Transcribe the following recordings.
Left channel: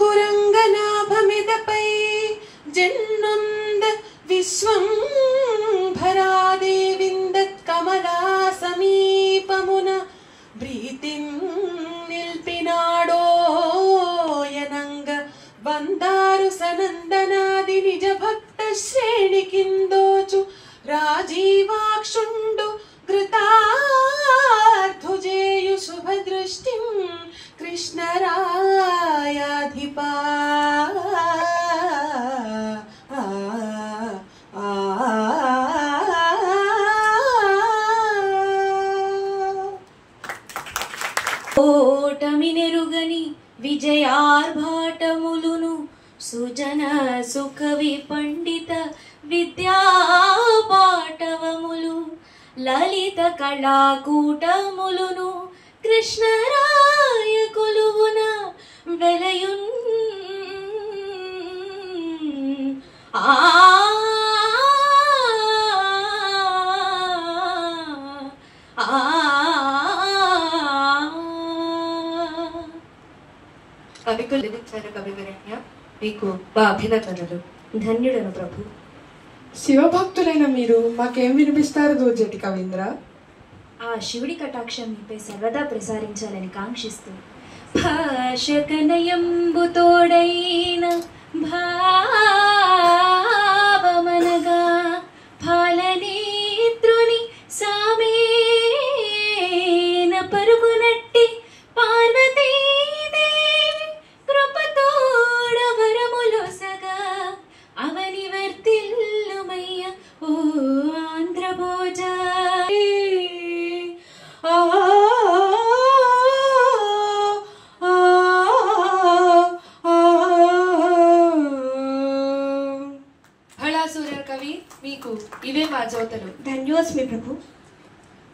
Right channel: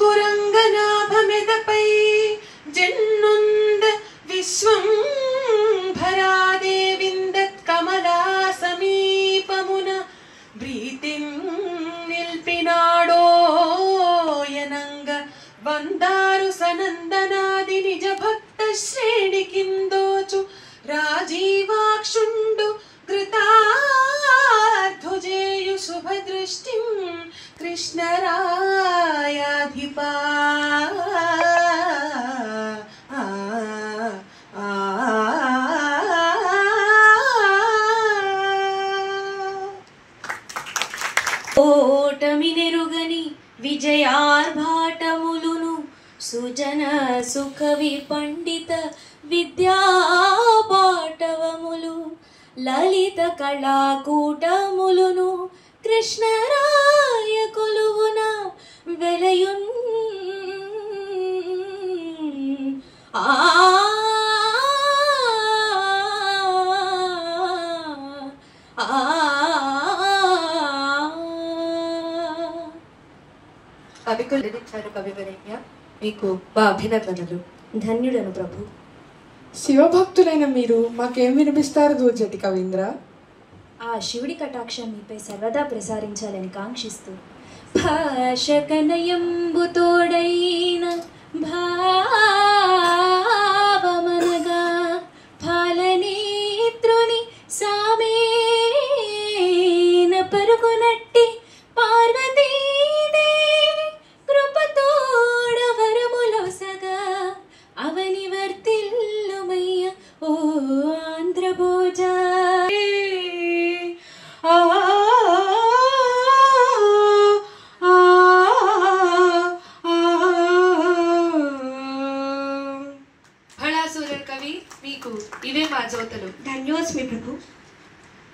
కురంగనాభమిదపై జన్నుంద విశ్వం భరాదేవిందత్ కమలా సమీపమున ప్రీతిం నిల్పినాడోయనంగ వందారు సనందనాది నిజ భక్త శ్రేణి కిందోచు రాజీవాక్షుండు కృతార్థుజేయు శుభదృష్టిం కృష్ణరాయాధిపా ఓటమినెరుగని విజయార్భాటములును సుజన సుఖవి పండిత విద్యాపాటవములు లలిత కళాకూటములును కృష్ణరాయ కొలువున వెలయున్ కవికులు లిఖించారు కవివరేణ్య, మీకు మా అభినందనలు. ధన్యుడను ప్రభు. శివభక్తులైన మీరు మాకేం వినిపిస్తారు దూర్జటి కవీంద్ర? ఆ శివుడి కటాక్షం మీపై సర్వదా ప్రసారించాలని కాంక్షిస్తూ భాషకనయంబుతోడైన భావమనగా ఫలనేత్రుని సామేన పరుగునట్టి పార్వతీదేవి కృపతోడ వరములొసగా అవని వర్తిల్లుమయ్య ఓ ఆంధ్రభోజ. భళాసూరన్ కవి, మీకు ఇవే మా జ్యోతులు. ధన్యోస్మి ప్రభు.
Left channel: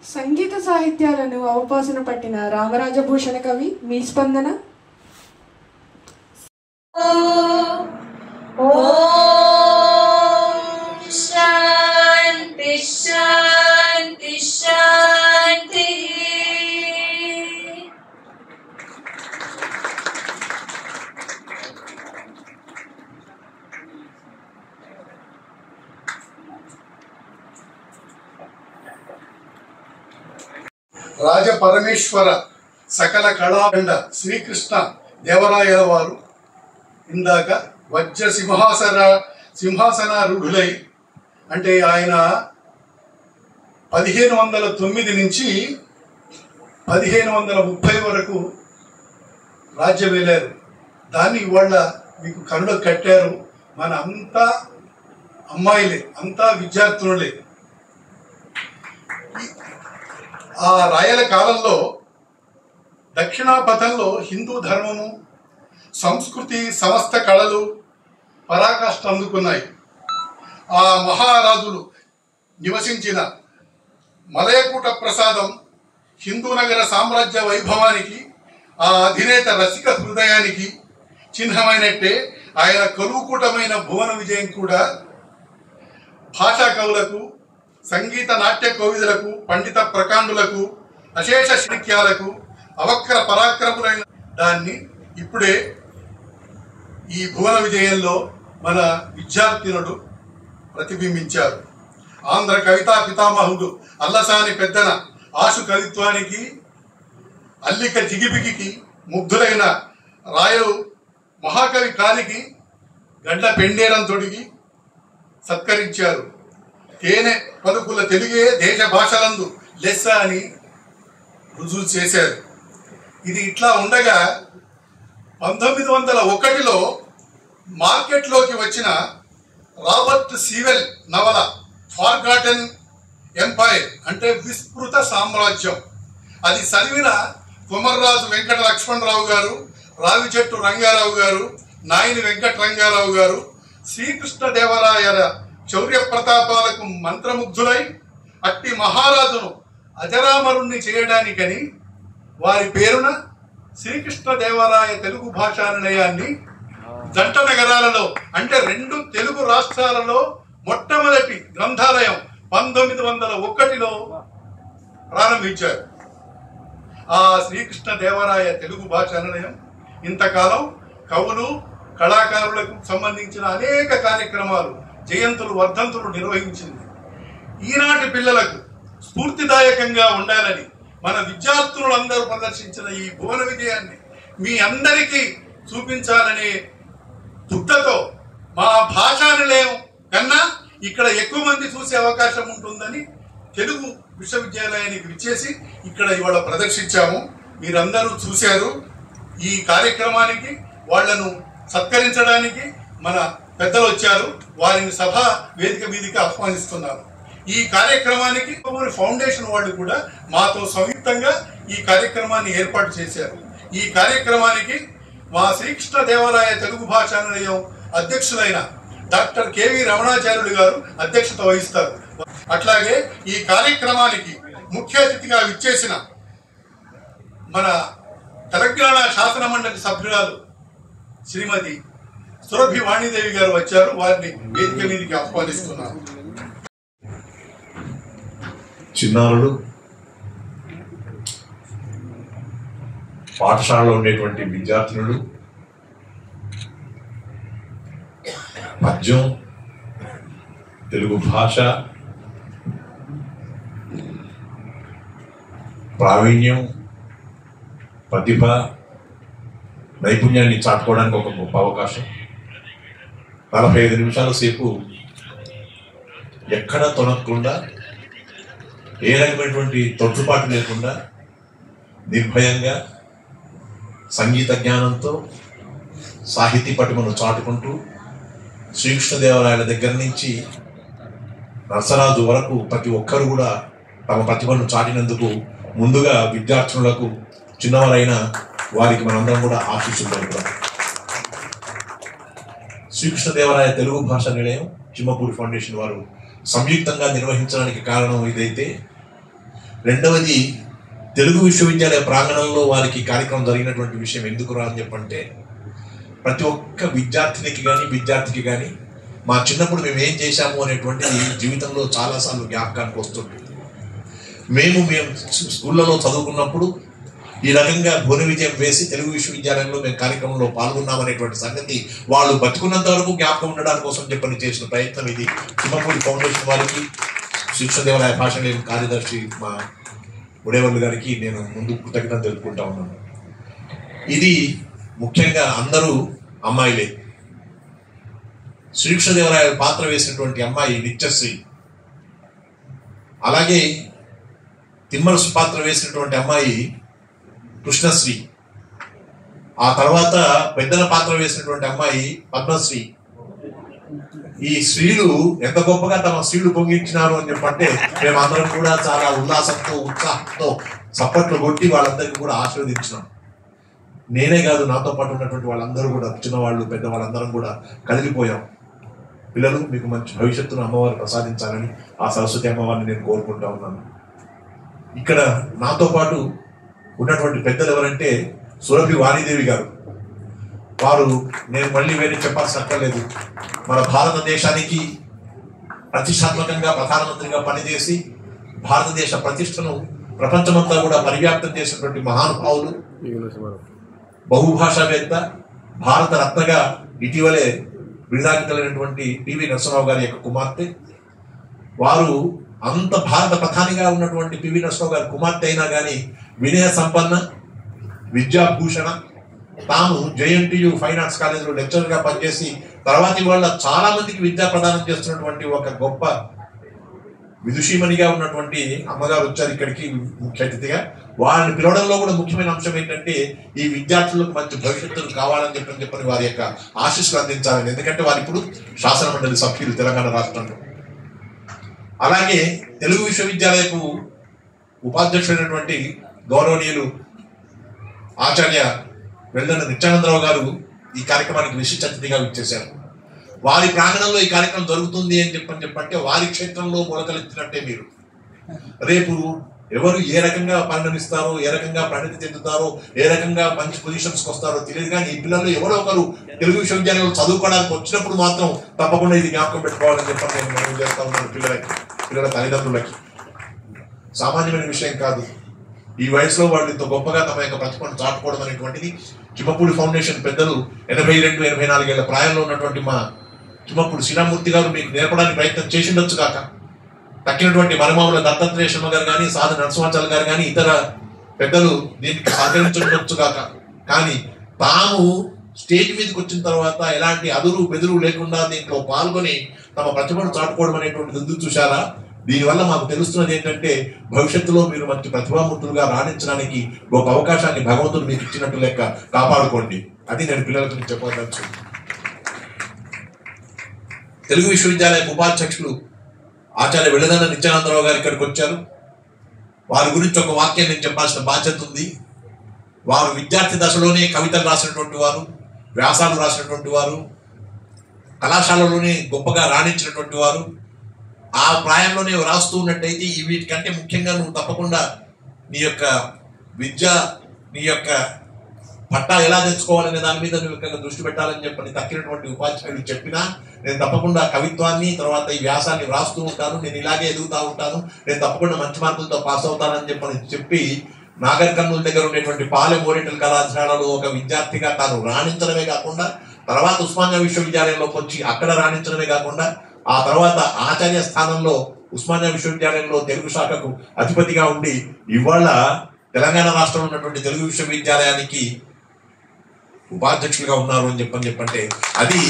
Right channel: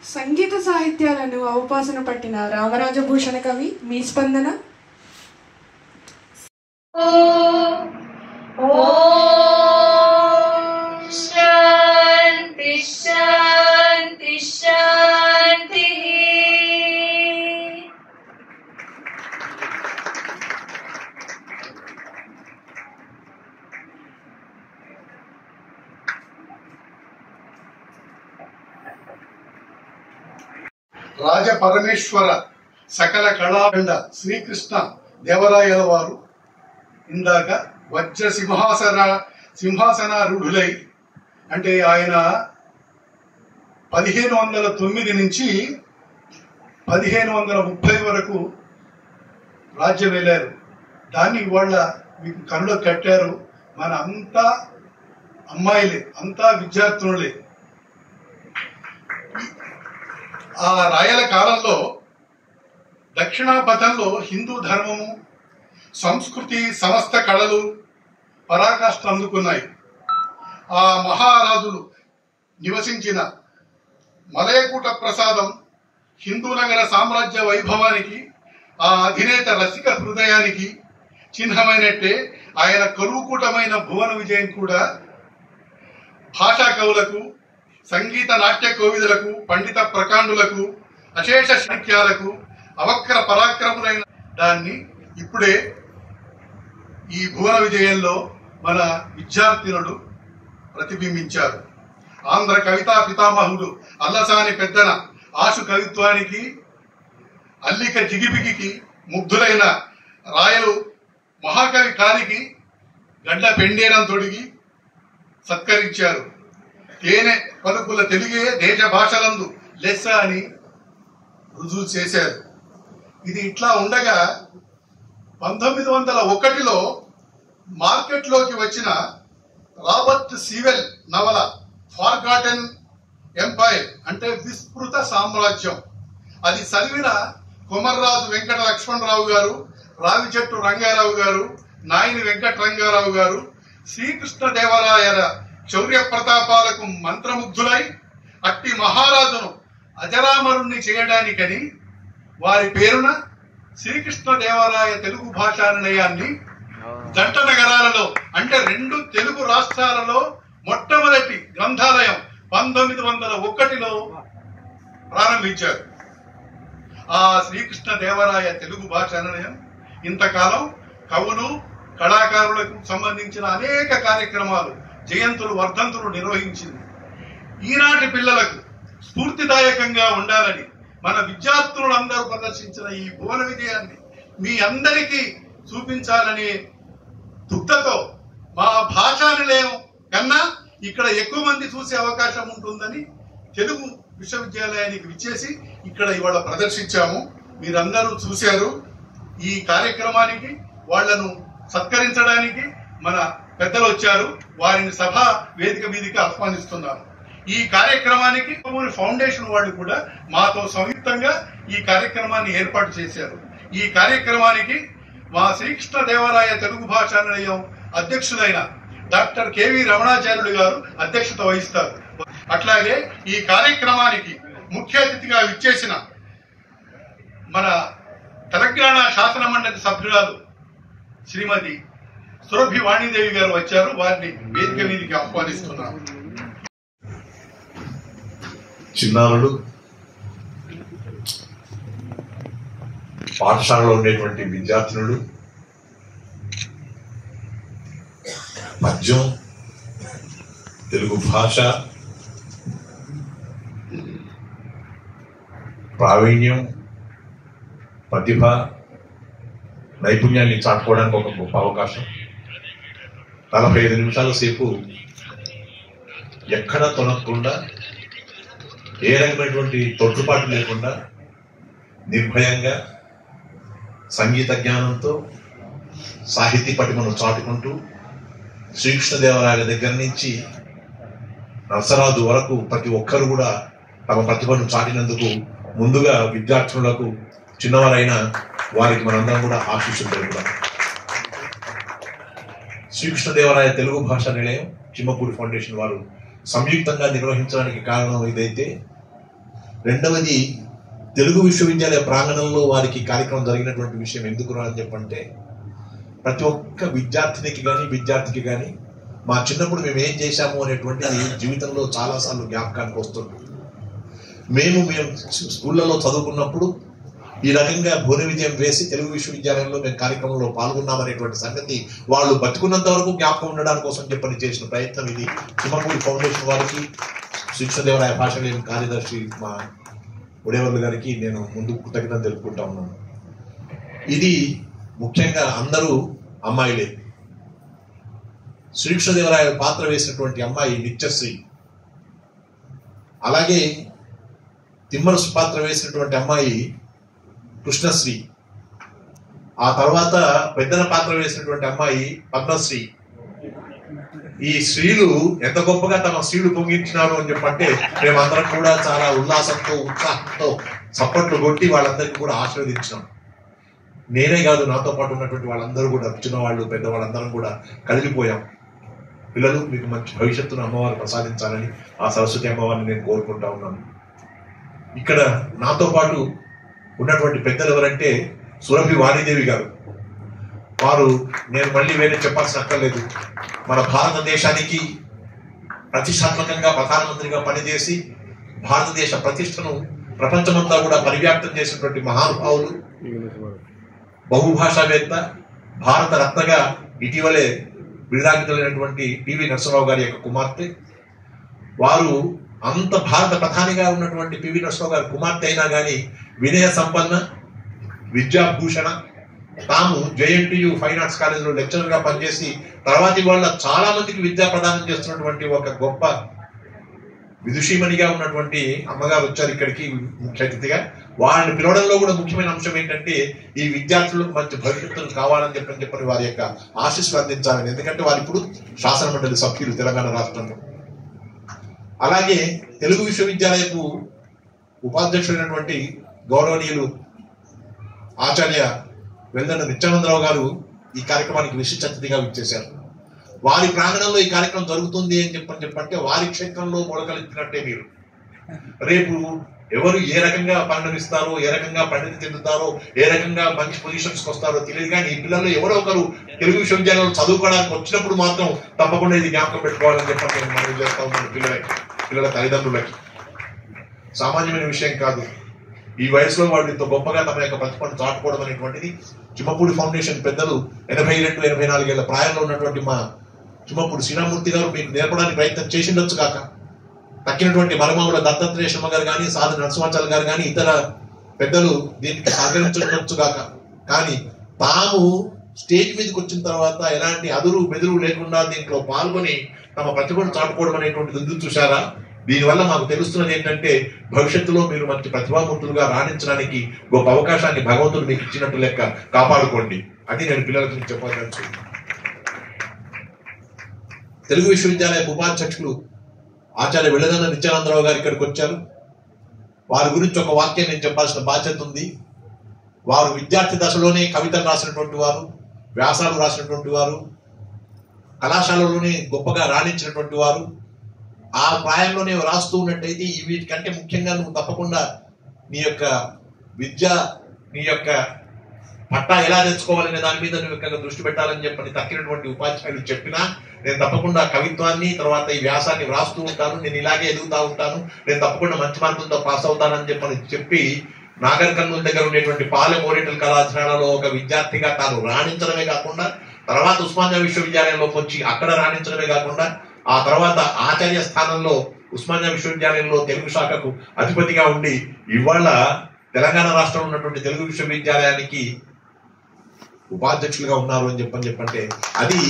సంగీత సాహిత్యాలను అవపాసన పట్టిన రామరాజభూషణ కవి, మీ స్పందన? శాంతి శాంతి శాంతి. రాజ పరమేశ్వర సకల కళాఖండ శ్రీకృష్ణ దేవరాయల వారు ఇందాక వజ్ర సింహాసనారూఢులై, అంటే ఆయన 1509 నుంచి 1530 వరకు రాజ్యం వెళ్ళారు. దాన్ని ఇవాళ మీకు కనులో కట్టారు. మన అంతా అమ్మాయిలే, అంతా విద్యార్థులే. ఆ రాయల కాలంలో దక్షిణాపథంలో హిందూ ధర్మము, సంస్కృతి, సమస్త కళలు పరాకాష్ఠ అందుకున్నాయి. ఆ మహారాజులు నివసించిన మలయకూట ప్రసాదం హిందూ నగర సామ్రాజ్య వైభవానికి, ఆ అధినేత రసిక హృదయానికి చిహ్నమైనట్టే ఆయన కరువుకూటమైన భువన విజయం కూడా భాషా కవులకు, సంగీత నాట్య కోవిదులకు, పండిత ప్రకాండులకు, అశేష సాహిత్యాలకు అవక్ర పరాక్రములైన దాన్ని ఇప్పుడే ఈ భువన విజయంలో మన విద్యార్థినులు ప్రతిబింబించారు. ఆంధ్ర కవితా పితామహుడు అల్లసాని పెద్దన ఆశు కవిత్వానికి, అల్లిక జిగిబిగికి ముగ్ధులైన రాయలు మహాకవి కాలికి గడ్డ పెండేరం తొడిగి సత్కరించారు. తేనె పలుకుల తెలుగే దేశ భాషలందు లెస్స అని రుజువు చేశారు. ఇది ఇట్లా ఉండగా 1901లో మార్కెట్లోకి వచ్చిన రాబర్ట్ సీవెల్ నవల ఫార్గాటెన్ ఎంపైర్, అంటే విస్మృత సామ్రాజ్యం, అది చదివిన కొమర్రాజు వెంకట లక్ష్మణరావు గారు, రావిచెట్టు రంగారావు గారు, నాయని వెంకట రంగారావు గారు శ్రీకృష్ణదేవరాయల శౌర్య ప్రతాపాలకు మంత్రముగ్ధులై అట్టి మహారాజును అజరామరుణ్ణి చేయడానికని వారి పేరున శ్రీకృష్ణదేవరాయ తెలుగు భాషా నిలయాన్ని జంట నగరాలలో, అంటే 2 తెలుగు రాష్ట్రాలలో మొట్టమొదటి గ్రంథాలయం 1901లో ప్రారంభించారు. ఆ శ్రీకృష్ణదేవరాయ తెలుగు భాషా నిలయం ఇంతకాలం కవులు కళాకారులకు సంబంధించిన అనేక కార్యక్రమాలు, జయంతులు, వర్ధంతులు నిర్వహించింది. ఈనాటి పిల్లలకు స్ఫూర్తిదాయకంగా ఉండాలని మన విద్యార్థులందరూ ప్రదర్శించిన ఈ భువన విజయాన్ని మీ అందరికీ చూపించాలనే దుగ్ధతో మా భాషా నిలయం కన్నా ఇక్కడ ఎక్కువ మంది చూసే అవకాశం ఉంటుందని తెలుగు విశ్వవిద్యాలయానికి విచ్చేసి ఇక్కడ ఇవాళ ప్రదర్శించాము. మీరందరూ చూశారు. ఈ కార్యక్రమానికి వాళ్లను సత్కరించడానికి మన పెద్దలు వచ్చారు. వారిని సభ వేదిక మీదకి ఆహ్వానిస్తున్నారు. ఈ కార్యక్రమానికి ఫౌండేషన్ వాళ్ళు కూడా మాతో సంయుక్తంగా ఈ కార్యక్రమాన్ని ఏర్పాటు చేశారు. ఈ కార్యక్రమానికి మా శ్రీకృష్ణదేవరాయ తెలుగు భాషా నిలయం అధ్యక్షులైన డాక్టర్ కెవి రమణాచార్యులు గారు అధ్యక్షత వహిస్తారు. అట్లాగే ఈ కార్యక్రమానికి ముఖ్య అతిథిగా విచ్చేసిన మన తెలంగాణ శాసన మండలి సభ్యురాలు శ్రీమతి సురభి వాణీదేవి గారు వచ్చారు. వారిని వేదిక మీదకి ఆహ్వానిస్తున్నారు. చిన్నారులు, పాఠశాలలో ఉండేటువంటి విద్యార్థినులు, పద్యం, తెలుగు భాష ప్రావీణ్యం, ప్రతిభ, నైపుణ్యాన్ని చాటుకోవడానికి ఒక గొప్ప అవకాశం. 45 నిమిషాల సేపు ఎక్కడ తొనకుండా, ఏ రకమైనటువంటి తొట్టుపాటు లేకుండా నిర్భయంగా సంగీత జ్ఞానంతో సాహితీ పటిమను చాటుకుంటూ శ్రీకృష్ణదేవరాయల దగ్గర నుంచి నరసరాజు వరకు ప్రతి ఒక్కరు కూడా తమ ప్రతిభను చాటినందుకు ముందుగా విద్యార్థులకు, చిన్నవారైన వారికి మనందరం కూడా ఆశీస్సులు తెలుపుతాం. శ్రీకృష్ణదేవరాయ తెలుగు భాషా నిలయం, చిమ్మపూడి ఫౌండేషన్ వారు సంయుక్తంగా నిర్వహించడానికి కారణం ఇదైతే, రెండవది తెలుగు విశ్వవిద్యాలయ ప్రాంగణంలో వారికి కార్యక్రమం జరిగినటువంటి విషయం ఎందుకు రా అని చెప్పంటే, ప్రతి ఒక్క విద్యార్థినికి కానీ విద్యార్థికి కానీ మా చిన్నప్పుడు మేము ఏం చేశాము అనేటువంటిది జీవితంలో చాలాసార్లు జ్ఞాపకానికి వస్తుంది. మేము స్కూళ్ళలో చదువుకున్నప్పుడు ఈ రకంగా భువన విజయం వేసి తెలుగు విశ్వవిద్యాలయంలో మేము కార్యక్రమంలో పాల్గొన్నామనేటువంటి సంగతి వాళ్ళు బతుకున్నంత వరకు జ్ఞాపకం ఉండడానికి కోసం చెప్పని చేసిన ప్రయత్నం ఇది. చిమ్మపూడి ఫౌండేషన్ వారికి, శ్రీకృష్ణదేవరాయ భాషా నిలయం కార్యదర్శి మా ఉడేవర్లు గారికి నేను ముందు కృతజ్ఞత తెలుపుకుంటా ఉన్నాను. ఇది ముఖ్యంగా అందరూ అమ్మాయిలే. శ్రీకృష్ణదేవరాయ పాత్ర వేసినటువంటి అమ్మాయి నిత్యశ్రీ, అలాగే తిమ్మరసు పాత్ర వేసినటువంటి అమ్మాయి కృష్ణశ్రీ, ఆ తర్వాత పెద్దన పాత్ర వేసినటువంటి అమ్మాయి పద్మశ్రీ. ఈ స్త్రీలు ఎంత గొప్పగా తమ స్త్రీలు పొంగించినారు అని చెప్పంటే మేమందరం కూడా చాలా ఉల్లాసంతో, ఉత్సాహంతో చప్పట్లు కొట్టి వాళ్ళందరికీ కూడా ఆశీర్వదించినాం. నేనే కాదు, నాతో పాటు ఉన్నటువంటి వాళ్ళందరూ కూడా, చిన్నవాళ్ళు పెద్దవాళ్ళందరం కూడా కదిలిపోయాం. పిల్లలు, మీకు మంచి భవిష్యత్తును అమ్మవారు ప్రసాదించాలని ఆ సరస్వతి అమ్మవారిని నేను కోరుకుంటా ఉన్నాను. ఇక్కడ నాతో పాటు ఉన్నటువంటి పెద్దలు ఎవరంటే సురభి వాణీదేవి గారు. వారు, నేను మళ్ళీ వేరే చెప్పాల్సిన అక్కర్లేదు, మన భారతదేశానికి ప్రతిష్టాత్మకంగా ప్రధానమంత్రిగా పనిచేసి భారతదేశ ప్రతిష్టను ప్రపంచమంతా కూడా పరివ్యాప్తం చేసినటువంటి మహానుభావులు, బహుభాషావేత్త, భారత రత్నగా ఇటీవలే విడుదలైనటువంటి పివి నరసింహరావు గారి యొక్క కుమార్తె. వారు అంత భారత ప్రధానిగా ఉన్నటువంటి పివి నరసింహరావు గారి కుమార్తె అయినా కానీ వినయ సంపన్న, విద్యాభూషణ, తాము JNTU ఫైన్ ఆర్ట్స్ కాలేజీలో లెక్చరర్గా పనిచేసి తర్వాతి వాళ్ళ చాలా మందికి విద్యా ప్రదానం చేస్తున్నటువంటి ఒక గొప్ప విదుషీమణిగా ఉన్నటువంటి అమ్మగారు వచ్చారు ఇక్కడికి ముఖ్య అతిథిగా. వారిని పిలవడంలో కూడా ముఖ్యమైన అంశం ఏంటంటే ఈ విద్యార్థులకు మంచి భవిష్యత్తులు కావాలని చెప్పని వారి యొక్క ఆశీస్సులు అందించాలని. ఎందుకంటే వారు ఇప్పుడు శాసన మండలి సభ్యులు తెలంగాణ రాష్ట్రంలో. అలాగే తెలుగు విశ్వవిద్యాలయకు ఉపాధ్యక్షుడైనటువంటి గౌరవనీయులు ఆచార్య వెల్లన నిత్యానందరావు గారు ఈ కార్యక్రమానికి విశిష్ట అతిథిగా విచ్చేశారు. వారి ప్రాంగణంలో ఈ కార్యక్రమం జరుగుతుంది అని చెప్పంటే వారి క్షేత్రంలో మొలకలెత్తినట్టే. మీరు రేపు ఎవరు ఏ రకంగా పరిణమిస్తారో, ఏ రకంగా పరిణతి చెందుతారో, ఏ రకంగా మంచి పొజిషన్స్కి వస్తారో తెలియదు. కానీ ఈ పిల్లలు ఎవరో ఒకరు తెలుగు విశ్వవిద్యాలయంలో చదువుకోవడానికి వచ్చినప్పుడు మాత్రం తప్పకుండా ఇది జ్ఞాపకం పెట్టుకోవాలని చెప్పి నేను మనవి చేస్తా ఉన్నాను. పిల్లల తల్లిదండ్రులకి సామాన్యమైన విషయం కాదు. ఈ వయసులో వాళ్ళు ఇంత గొప్పగా తమ యొక్క ప్రతిభను చాటుకోవడం అనేటువంటిది చిమ్మపూడి ఫౌండేషన్ పెద్దలు 82-84 ఏళ్ల ప్రాయంలో ఉన్నటువంటి మా చిమ్మపూడి శ్రీరామూర్తి గారు మీకు నేర్పడానికి ప్రయత్నం చేసిండొచ్చు కాక, తక్కినటువంటి మరమావుల దత్తాత్రేయ శర్మ గారు కానీ, సాధు నరసింహాచార్య గారు కానీ, ఇతర పెద్దలు దీనికి సహకరించవచ్చు కాక, కానీ తాము స్టేజ్ మీదకి వచ్చిన తర్వాత ఎలాంటి అదురు బెదురు లేకుండా దీంట్లో పాల్గొని తమ ప్రతిభను చాటుకోవడం అనేటువంటిది ఎందుకు చూశారా? దీనివల్ల మాకు తెలుస్తున్నది ఏంటంటే భవిష్యత్తులో మీరు మంచి ప్రతిభామూర్తులుగా రాణించడానికి గొప్ప అవకాశాన్ని భగవంతుడు మీకు ఇచ్చినట్టు లెక్క కాపాడుకోండి. అది నేను పిల్లలకు చెప్పవచ్చు. తెలుగు విశ్వవిద్యాలయ ఉపాధ్యక్షులు ఆచార్య వెళ్లదన్న నిత్యానందరావు గారు ఇక్కడికి వచ్చారు. వారి గురించి ఒక వాక్యం నేను చెప్పాల్సిన బాధ్యత ఉంది. వారు విద్యార్థి దశలోనే కవితలు రాసినటువంటి వారు, వ్యాసాలు రాసినటువంటి వారు, కళాశాలలోనే గొప్పగా రాణించినటువంటి వారు. ఆ ప్రాయంలోనే రాస్తూ ఉన్నట్టయితే వీటికంటే ముఖ్యంగా నువ్వు తప్పకుండా నీ యొక్క విద్య, నీ యొక్క పట్టా ఎలా తెచ్చుకోవాలనే దాని మీద నువ్వు ఇక్కడ దృష్టి పెట్టాలని చెప్పని తక్కినటువంటి ఉపాధ్యాయులు చెప్పినా నేను తప్పకుండా కవిత్వాన్ని తర్వాత ఈ వ్యాసాన్ని వ్రాస్తూ ఉంటాను, నేను ఇలాగే ఎదుగుతూ ఉంటాను, నేను తప్పకుండా మంచి మార్కులతో పాస్ అవుతానని చెప్పి నాగర్ కర్నూలు దగ్గర ఉండేటువంటి పాలెం ఓరియంటల్ కళాశాలలో ఒక విద్యార్థిగా తాను రాణించడమే కాకుండా తర్వాత ఉస్మానియా విశ్వవిద్యాలయంలోకి వచ్చి అక్కడ రాణించడమే కాకుండా ఆ తర్వాత ఆచార్య స్థానంలో ఉస్మానియా విశ్వవిద్యాలయంలో తెలుగు శాఖకు అధిపతిగా ఉండి ఇవాళ తెలంగాణ రాష్ట్రంలో ఉన్నటువంటి తెలుగు విశ్వవిద్యాలయానికి ఉపాధ్యక్షులుగా ఉన్నారు అని చెప్పంటే అది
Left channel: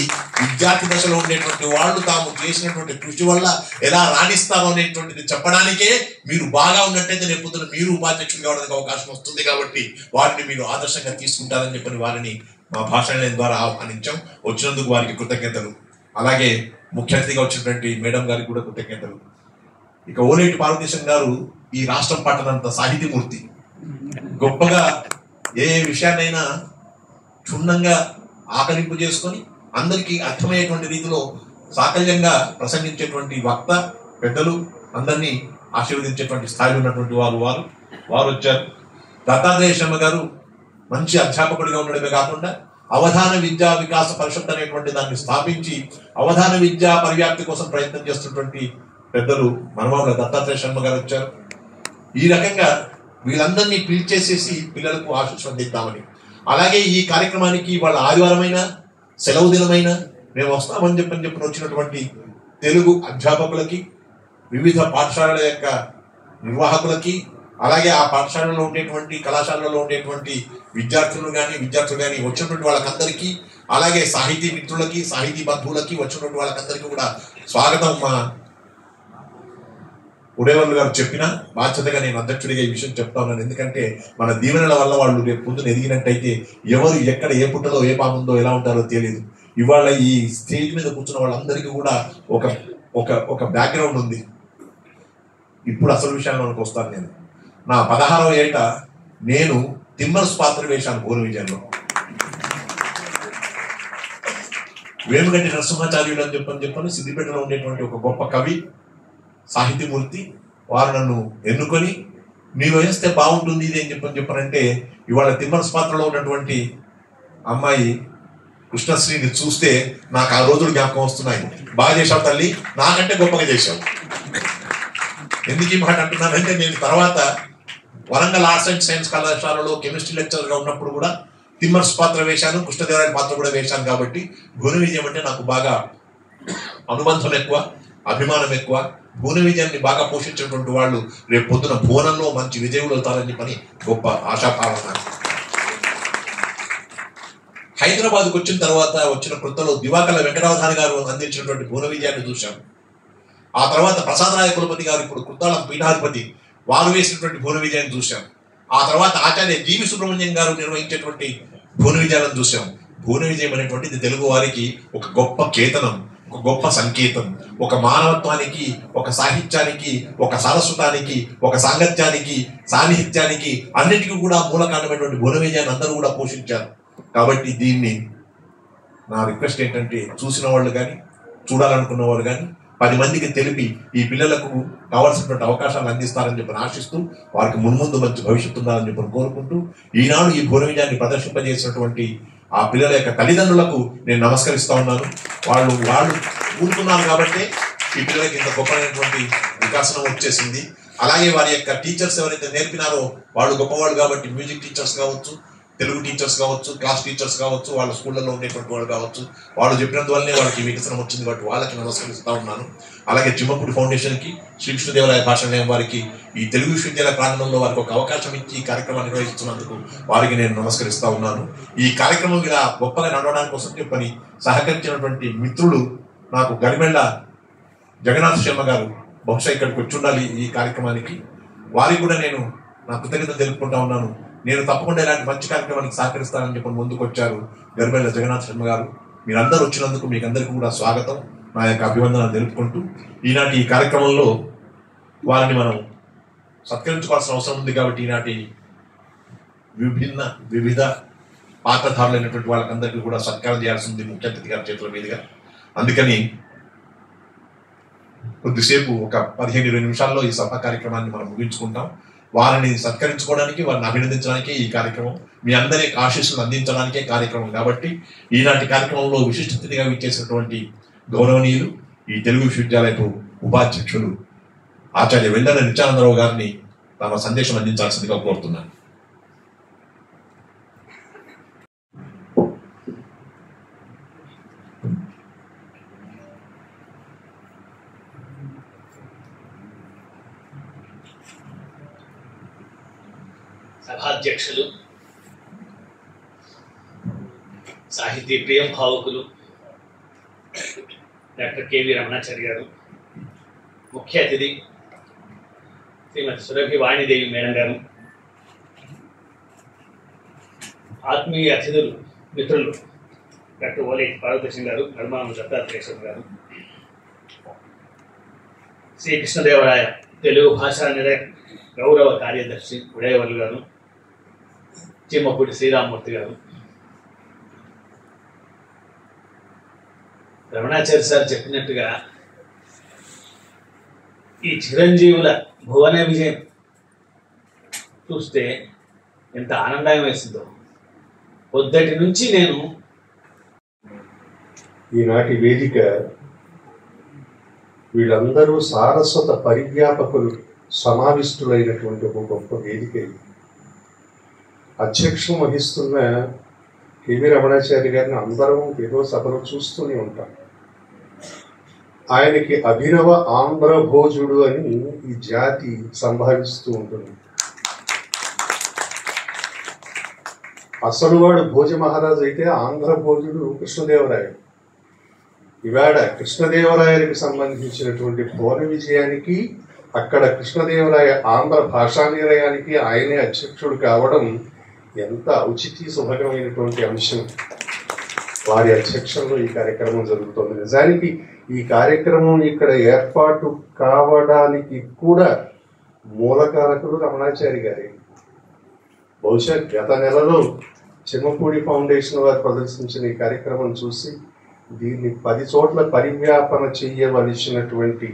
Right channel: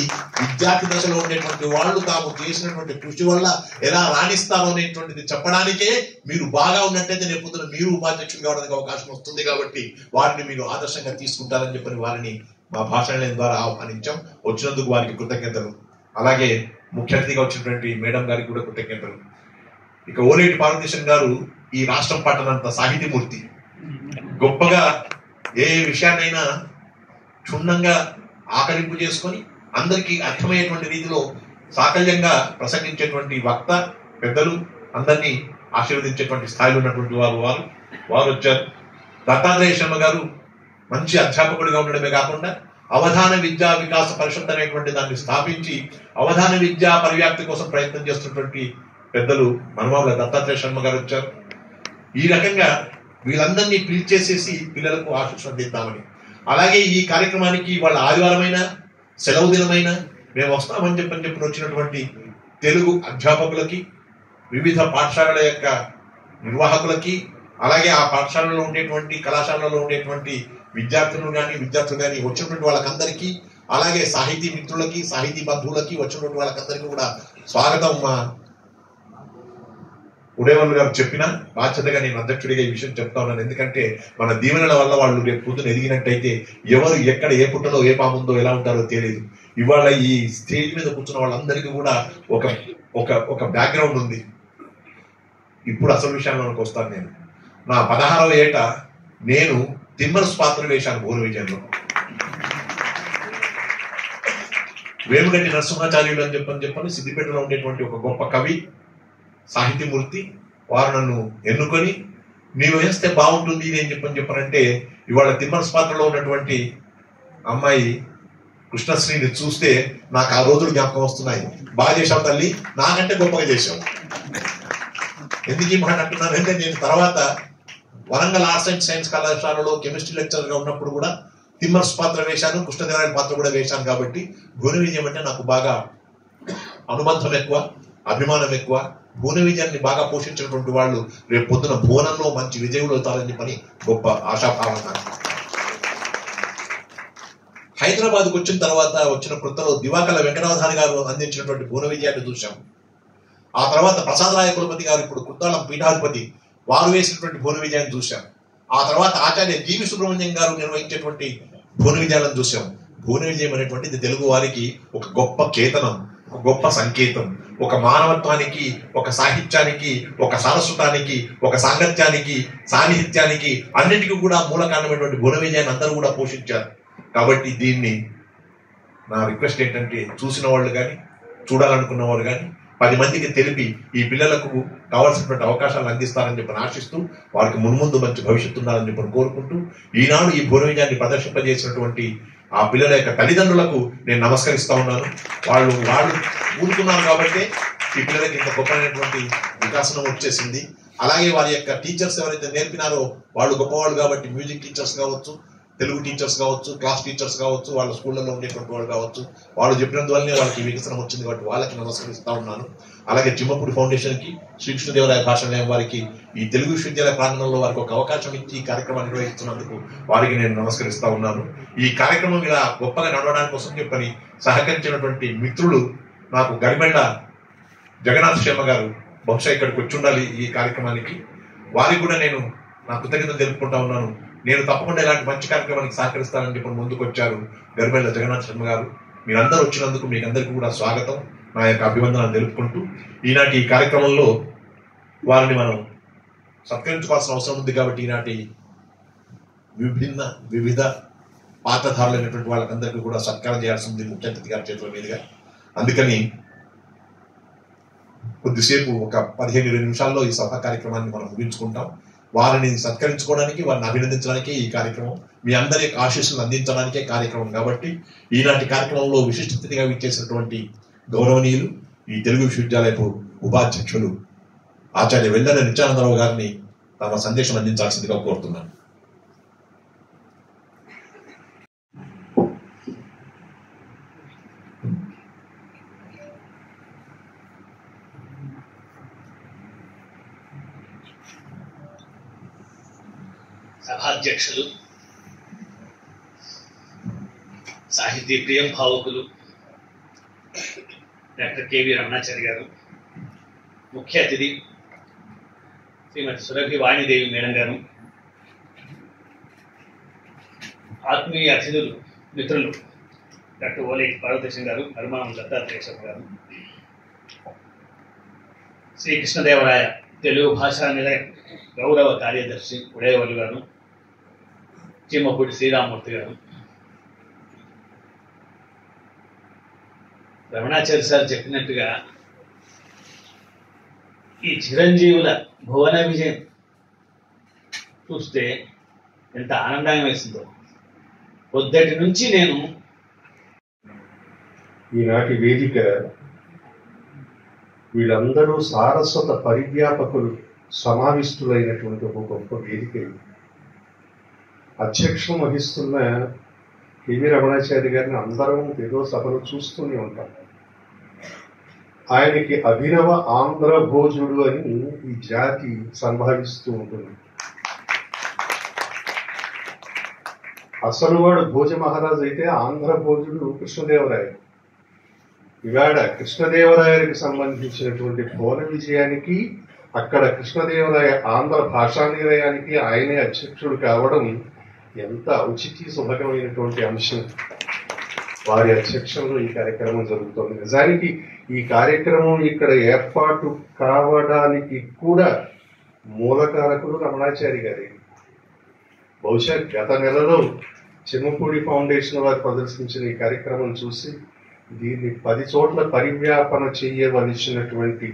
విద్యార్థి దశలో ఉండేటువంటి వాళ్ళు తాము చేసినటువంటి కృషి వల్ల ఎలా రాణిస్తారో అనేటువంటిది చెప్పడానికే మీరు బాగా ఉన్నట్టయితే రేపు మీరు ఉపాధ్యక్షులు కావడానికి అవకాశం వస్తుంది. కాబట్టి వారిని మీరు ఆదర్శంగా తీసుకుంటారని చెప్పని వారిని మా భాషణ ద్వారా ఆహ్వానించాం. వచ్చినందుకు వారికి కృతజ్ఞతలు. అలాగే ముఖ్య అతిథిగా వచ్చినటువంటి మేడం గారికి కూడా కృతజ్ఞతలు. ఇక ఓలేటి పార్వతీశన్ గారు ఈ రాష్ట్రం పట్టనంత సాహితీమూర్తి, గొప్పగా ఏ విషయాన్నైనా క్షుణ్ణంగా ఆకలింపు చేసుకొని అందరికీ అర్థమయ్యేటువంటి రీతిలో సాకల్యంగా ప్రసంగించేటువంటి వక్త, పెద్దలు అందరినీ ఆశీర్వదించేటువంటి స్థాయిలో ఉన్నటువంటి వారు వచ్చారు. దత్తాత్రేయ శర్మ గారు మంచి అధ్యాపకుడిగా ఉండడమే కాకుండా అవధాన విద్యా వికాస పరిషత్ అనేటువంటి దాన్ని స్థాపించి అవధాన విద్యా పరివ్యాప్తి కోసం ప్రయత్నం చేస్తున్నటువంటి పెద్దలు మనమావుల దత్తాత్రేయ శర్మ గారు వచ్చారు. ఈ రకంగా వీళ్ళందరినీ పిలిచేసేసి పిల్లలకు ఆశీస్సులు అందిద్దామని, అలాగే ఈ కార్యక్రమానికి వాళ్ళ ఆదివారమైన సెలవు దినమైన మేము వస్తామని చెప్పని వచ్చినటువంటి తెలుగు అధ్యాపకులకి, వివిధ పాఠశాలల యొక్క నిర్వాహకులకి, అలాగే ఆ పాఠశాలలో ఉండేటువంటి కళాశాలలో ఉండేటువంటి విద్యార్థులు కానీ వచ్చినటువంటి వాళ్ళకందరికీ, అలాగే సాహితీ మిత్రులకి, సాహితీ బంధువులకి వచ్చినటువంటి వాళ్ళకందరికీ కూడా స్వాగతం. మా ఉడేవల్లు గారు చెప్పిన బాధ్యతగా నేను అధ్యక్షుడిగా ఈ విషయం చెప్తా ఉన్నాను. ఎందుకంటే మన దీవెనల వల్ల వాళ్ళు రేపు పొద్దున ఎదిగినట్టయితే ఎవరు ఎక్కడ ఏ పుట్టలో ఏ పాముందో ఎలా ఉంటారో తెలియదు. ఇవాళ ఈ స్టేజ్ మీద కూర్చున్న వాళ్ళందరికీ కూడా ఒక బ్యాక్గ్రౌండ్ ఉంది. ఇప్పుడు అసలు విషయాల్లోకి వస్తాను. నేను నా 16వ ఏట నేను తిమ్మర్స్ పాత్ర వేశాను భూమి విజయంలో. వేముగంటి నరసింహాచార్యుడు అని చెప్పని సిద్దిపేటలో ఉండేటువంటి ఒక గొప్ప కవి, సాహితీమూర్తి, వారు నన్ను ఎన్నుకొని నీవు వేస్తే బాగుంటుంది ఇది అని చెప్పారంటే ఇవాళ తిమ్మర్స్ పాత్రలో ఉన్నటువంటి అమ్మాయి కృష్ణశ్రీని చూస్తే నాకు ఆ రోజులు జ్ఞాపకం వస్తున్నాయి. బాగా చేశావు తల్లి, నాకంటే గొప్పగా చేశావు. ఎందుకు ఈ మాట అంటున్నానంటే నేను తర్వాత వరంగల్ ఆర్ట్స్ అండ్ సైన్స్ కళాశాలలో కెమిస్ట్రీ లెక్చరర్గా ఉన్నప్పుడు కూడా తిమ్మర్స్ పాత్ర వేశాను, కృష్ణదేవరాయల పాత్ర కూడా వేశాను. కాబట్టి భువన విజయం అంటే నాకు బాగా అనుబంధం ఎక్కువ, అభిమానం ఎక్కువ. భువన విజయాన్ని బాగా పోషించినటువంటి వాళ్ళు రేపు పొద్దున భువనంలో మంచి విజయులు అవుతారని చెప్పని గొప్ప ఆశాభావం. హైదరాబాద్కు వచ్చిన తర్వాత వచ్చిన కొత్తలో దివాకల వెంకటావధాని గారు అందించినటువంటి భువన విజయాన్ని చూశాం. ఆ తర్వాత ప్రసాదరాయ కులపతి గారు, ఇప్పుడు కుత్తాళం పీఠాధిపతి, వారు వేసినటువంటి భువన విజయాన్ని చూశాం. ఆ తర్వాత ఆచార్య జీవి సుబ్రహ్మణ్యం గారు నిర్వహించేటువంటి భువన విజయాలను చూశాం. భువన విజయం అనేటువంటిది తెలుగు వారికి ఒక గొప్ప కేతనం, ఒక గొప్ప సంకేతం, ఒక మానవత్వానికి, ఒక సాహిత్యానికి, ఒక సరస్వతానికి, ఒక సాంగత్యానికి, సాన్నిహిత్యానికి అన్నిటికీ కూడా మూల కారణమైనటువంటి భువన విజయాన్ని అందరూ కూడా పోషించారు. కాబట్టి దీన్ని నా రిక్వెస్ట్ ఏంటంటే చూసిన వాళ్ళు కానీ చూడాలనుకున్న వాళ్ళు కానీ 10 మందికి తెలిపి ఈ పిల్లలకు కావాల్సినటువంటి అవకాశాలను అందిస్తారని చెప్పని ఆశిస్తూ వారికి మున్ముందు మంచి భవిష్యత్తు ఉండాలని చెప్పని కోరుకుంటూ ఈనాడు ఈ భువన విజయాన్ని ప్రదర్శింపజేసినటువంటి ఆ పిల్లల యొక్క తల్లిదండ్రులకు నేను నమస్కరిస్తా ఉన్నాను. వాళ్ళు ఊరుకున్నారు కాబట్టి ఈ పిల్లలకి ఇంత గొప్పైనటువంటి వికాసం వచ్చేసింది. అలాగే వారి యొక్క టీచర్స్ ఎవరైతే నేర్పినారో వాళ్ళు గొప్పవాళ్ళు కాబట్టి మ్యూజిక్ టీచర్స్ కావచ్చు, తెలుగు టీచర్స్ కావచ్చు, క్లాస్ టీచర్స్ కావచ్చు, వాళ్ళ స్కూళ్ళలో ఉండేటువంటి వాళ్ళు కావచ్చు, వాళ్ళు చెప్పినందువల్లనే వాళ్ళకి వికసనం వచ్చింది కాబట్టి వాళ్ళకి నమస్కరిస్తూ ఉన్నాను. అలాగే చిమ్మపూడి ఫౌండేషన్కి, శ్రీకృష్ణదేవరాయ భాషాలయం వారికి ఈ తెలుగు విశ్వవిద్యాలయ ప్రాంగణంలో వారికి ఒక అవకాశం ఇచ్చి ఈ కార్యక్రమాన్ని నిర్వహిస్తున్నందుకు వారికి నేను నమస్కరిస్తూ ఉన్నాను. ఈ కార్యక్రమం ఇలా గొప్పగా నడవడానికి కోసం చెప్పని సహకరించినటువంటి మిత్రులు నాకు గరిమెళ్ళ జగన్నాథ్ శర్మ గారు బహుశా ఇక్కడికి వచ్చి ఉండాలి ఈ కార్యక్రమానికి. వారికి కూడా నేను నా కృతజ్ఞతలు తెలుపుకుంటా ఉన్నాను. నేను తప్పకుండా ఇలాంటి మంచి కార్యక్రమానికి సహకరిస్తానని చెప్పి ముందుకు వచ్చారు గరిమెళ్ళ జగన్నాథ్ శర్మ గారు. మీరందరూ వచ్చినందుకు మీకు అందరికీ కూడా స్వాగతం, నా యొక్క అభివందనాలు తెలుపుకుంటూ ఈనాటి ఈ కార్యక్రమంలో వారిని మనం సత్కరించుకోవాల్సిన అవసరం ఉంది కాబట్టి ఈనాటి వివిధ పాత్రధారులైనటువంటి వాళ్ళకందరికీ కూడా సత్కారం చేయాల్సి ఉంది ముఖ్య అతిథి గారి చేతుల మీదుగా. అందుకని కొద్దిసేపు ఒక 15-20 నిమిషాల్లో ఈ సభ కార్యక్రమాన్ని మనం ముగించుకుంటాం. వారిని సత్కరించుకోవడానికి, వారిని అభినందించడానికే ఈ కార్యక్రమం, మీ అందరి ఆశీస్సులు అందించడానికే కార్యక్రమం. కాబట్టి ఈనాటి కార్యక్రమంలో విశిష్ట అతిథిగా విచ్చేసినటువంటి గౌరవనీయులు ఈ తెలుగు విశ్వవిద్యాలయపు ఉపాధ్యక్షులు ఆచార్య వెల్లెల నిత్యానందరావు గారిని తమ సందేశం అందించాల్సిందిగా కోరుతున్నాను. సభాధ్యక్షులు, సాహితీ ప్రియం భావుకులు డాక్టర్ కెవి రమణాచారి గారు, ముఖ్య అతిథి శ్రీమతి సురభి వాణిదేవి మేడం గారు, ఆత్మీయ అతిథులు మిత్రులు డాక్టర్ ఓలేటి పార్వతీశం గారు, నర్మానం దత్తాత్రేయ గారు, శ్రీకృష్ణదేవరాయ తెలుగు భాషా నిలయ గౌరవ కార్యదర్శి ఉడయవల్లి గారు, చిమ్మపూడి శ్రీరామూర్తి గారు, రమణాచారి సార్ చెప్పినట్టుగా ఈ చిరంజీవుల భువన విజయం చూస్తే ఎంత ఆనందం వేసిందో. పొద్దటి నుంచి నేను ఈనాటి వేదిక వీళ్ళందరూ సారస్వత పరివ్యాపకులు సమావిష్టులైనటువంటి ఒక గొప్ప వేదిక. అధ్యక్షం వహిస్తున్న కెవి రమణాచారి గారిని అందరం ఏదో సభలో చూస్తూనే ఉంటాం. ఆయనకి అభినవ ఆంధ్ర భోజుడు అని ఈ జాతి సంభావిస్తూ ఉంటుంది. అసలు వాడు భోజ మహారాజు అయితే ఆంధ్ర భోజుడు కృష్ణదేవరాయ. ఇవాడ కృష్ణదేవరాయలకు సంబంధించినటువంటి పౌర విజయానికి, అక్కడ కృష్ణదేవరాయ ఆంధ్ర భాషా నిలయానికి ఆయనే అధ్యక్షుడు కావడం ఎంత ఔచిత్య శుభకరమైనటువంటి అంశం. వారి అధ్యక్షంలో ఈ కార్యక్రమం జరుగుతోంది. నిజానికి ఈ కార్యక్రమం ఇక్కడ ఏర్పాటు కావడానికి కూడా మూలకారకులు రమణాచారి గారే. బహుశా గత నెలలో చిమ్మపూడి ఫౌండేషన్ వారు ప్రదర్శించిన ఈ కార్యక్రమం చూసి దీన్ని 10 చోట్ల పరివ్యాపన చేయవలసినటువంటి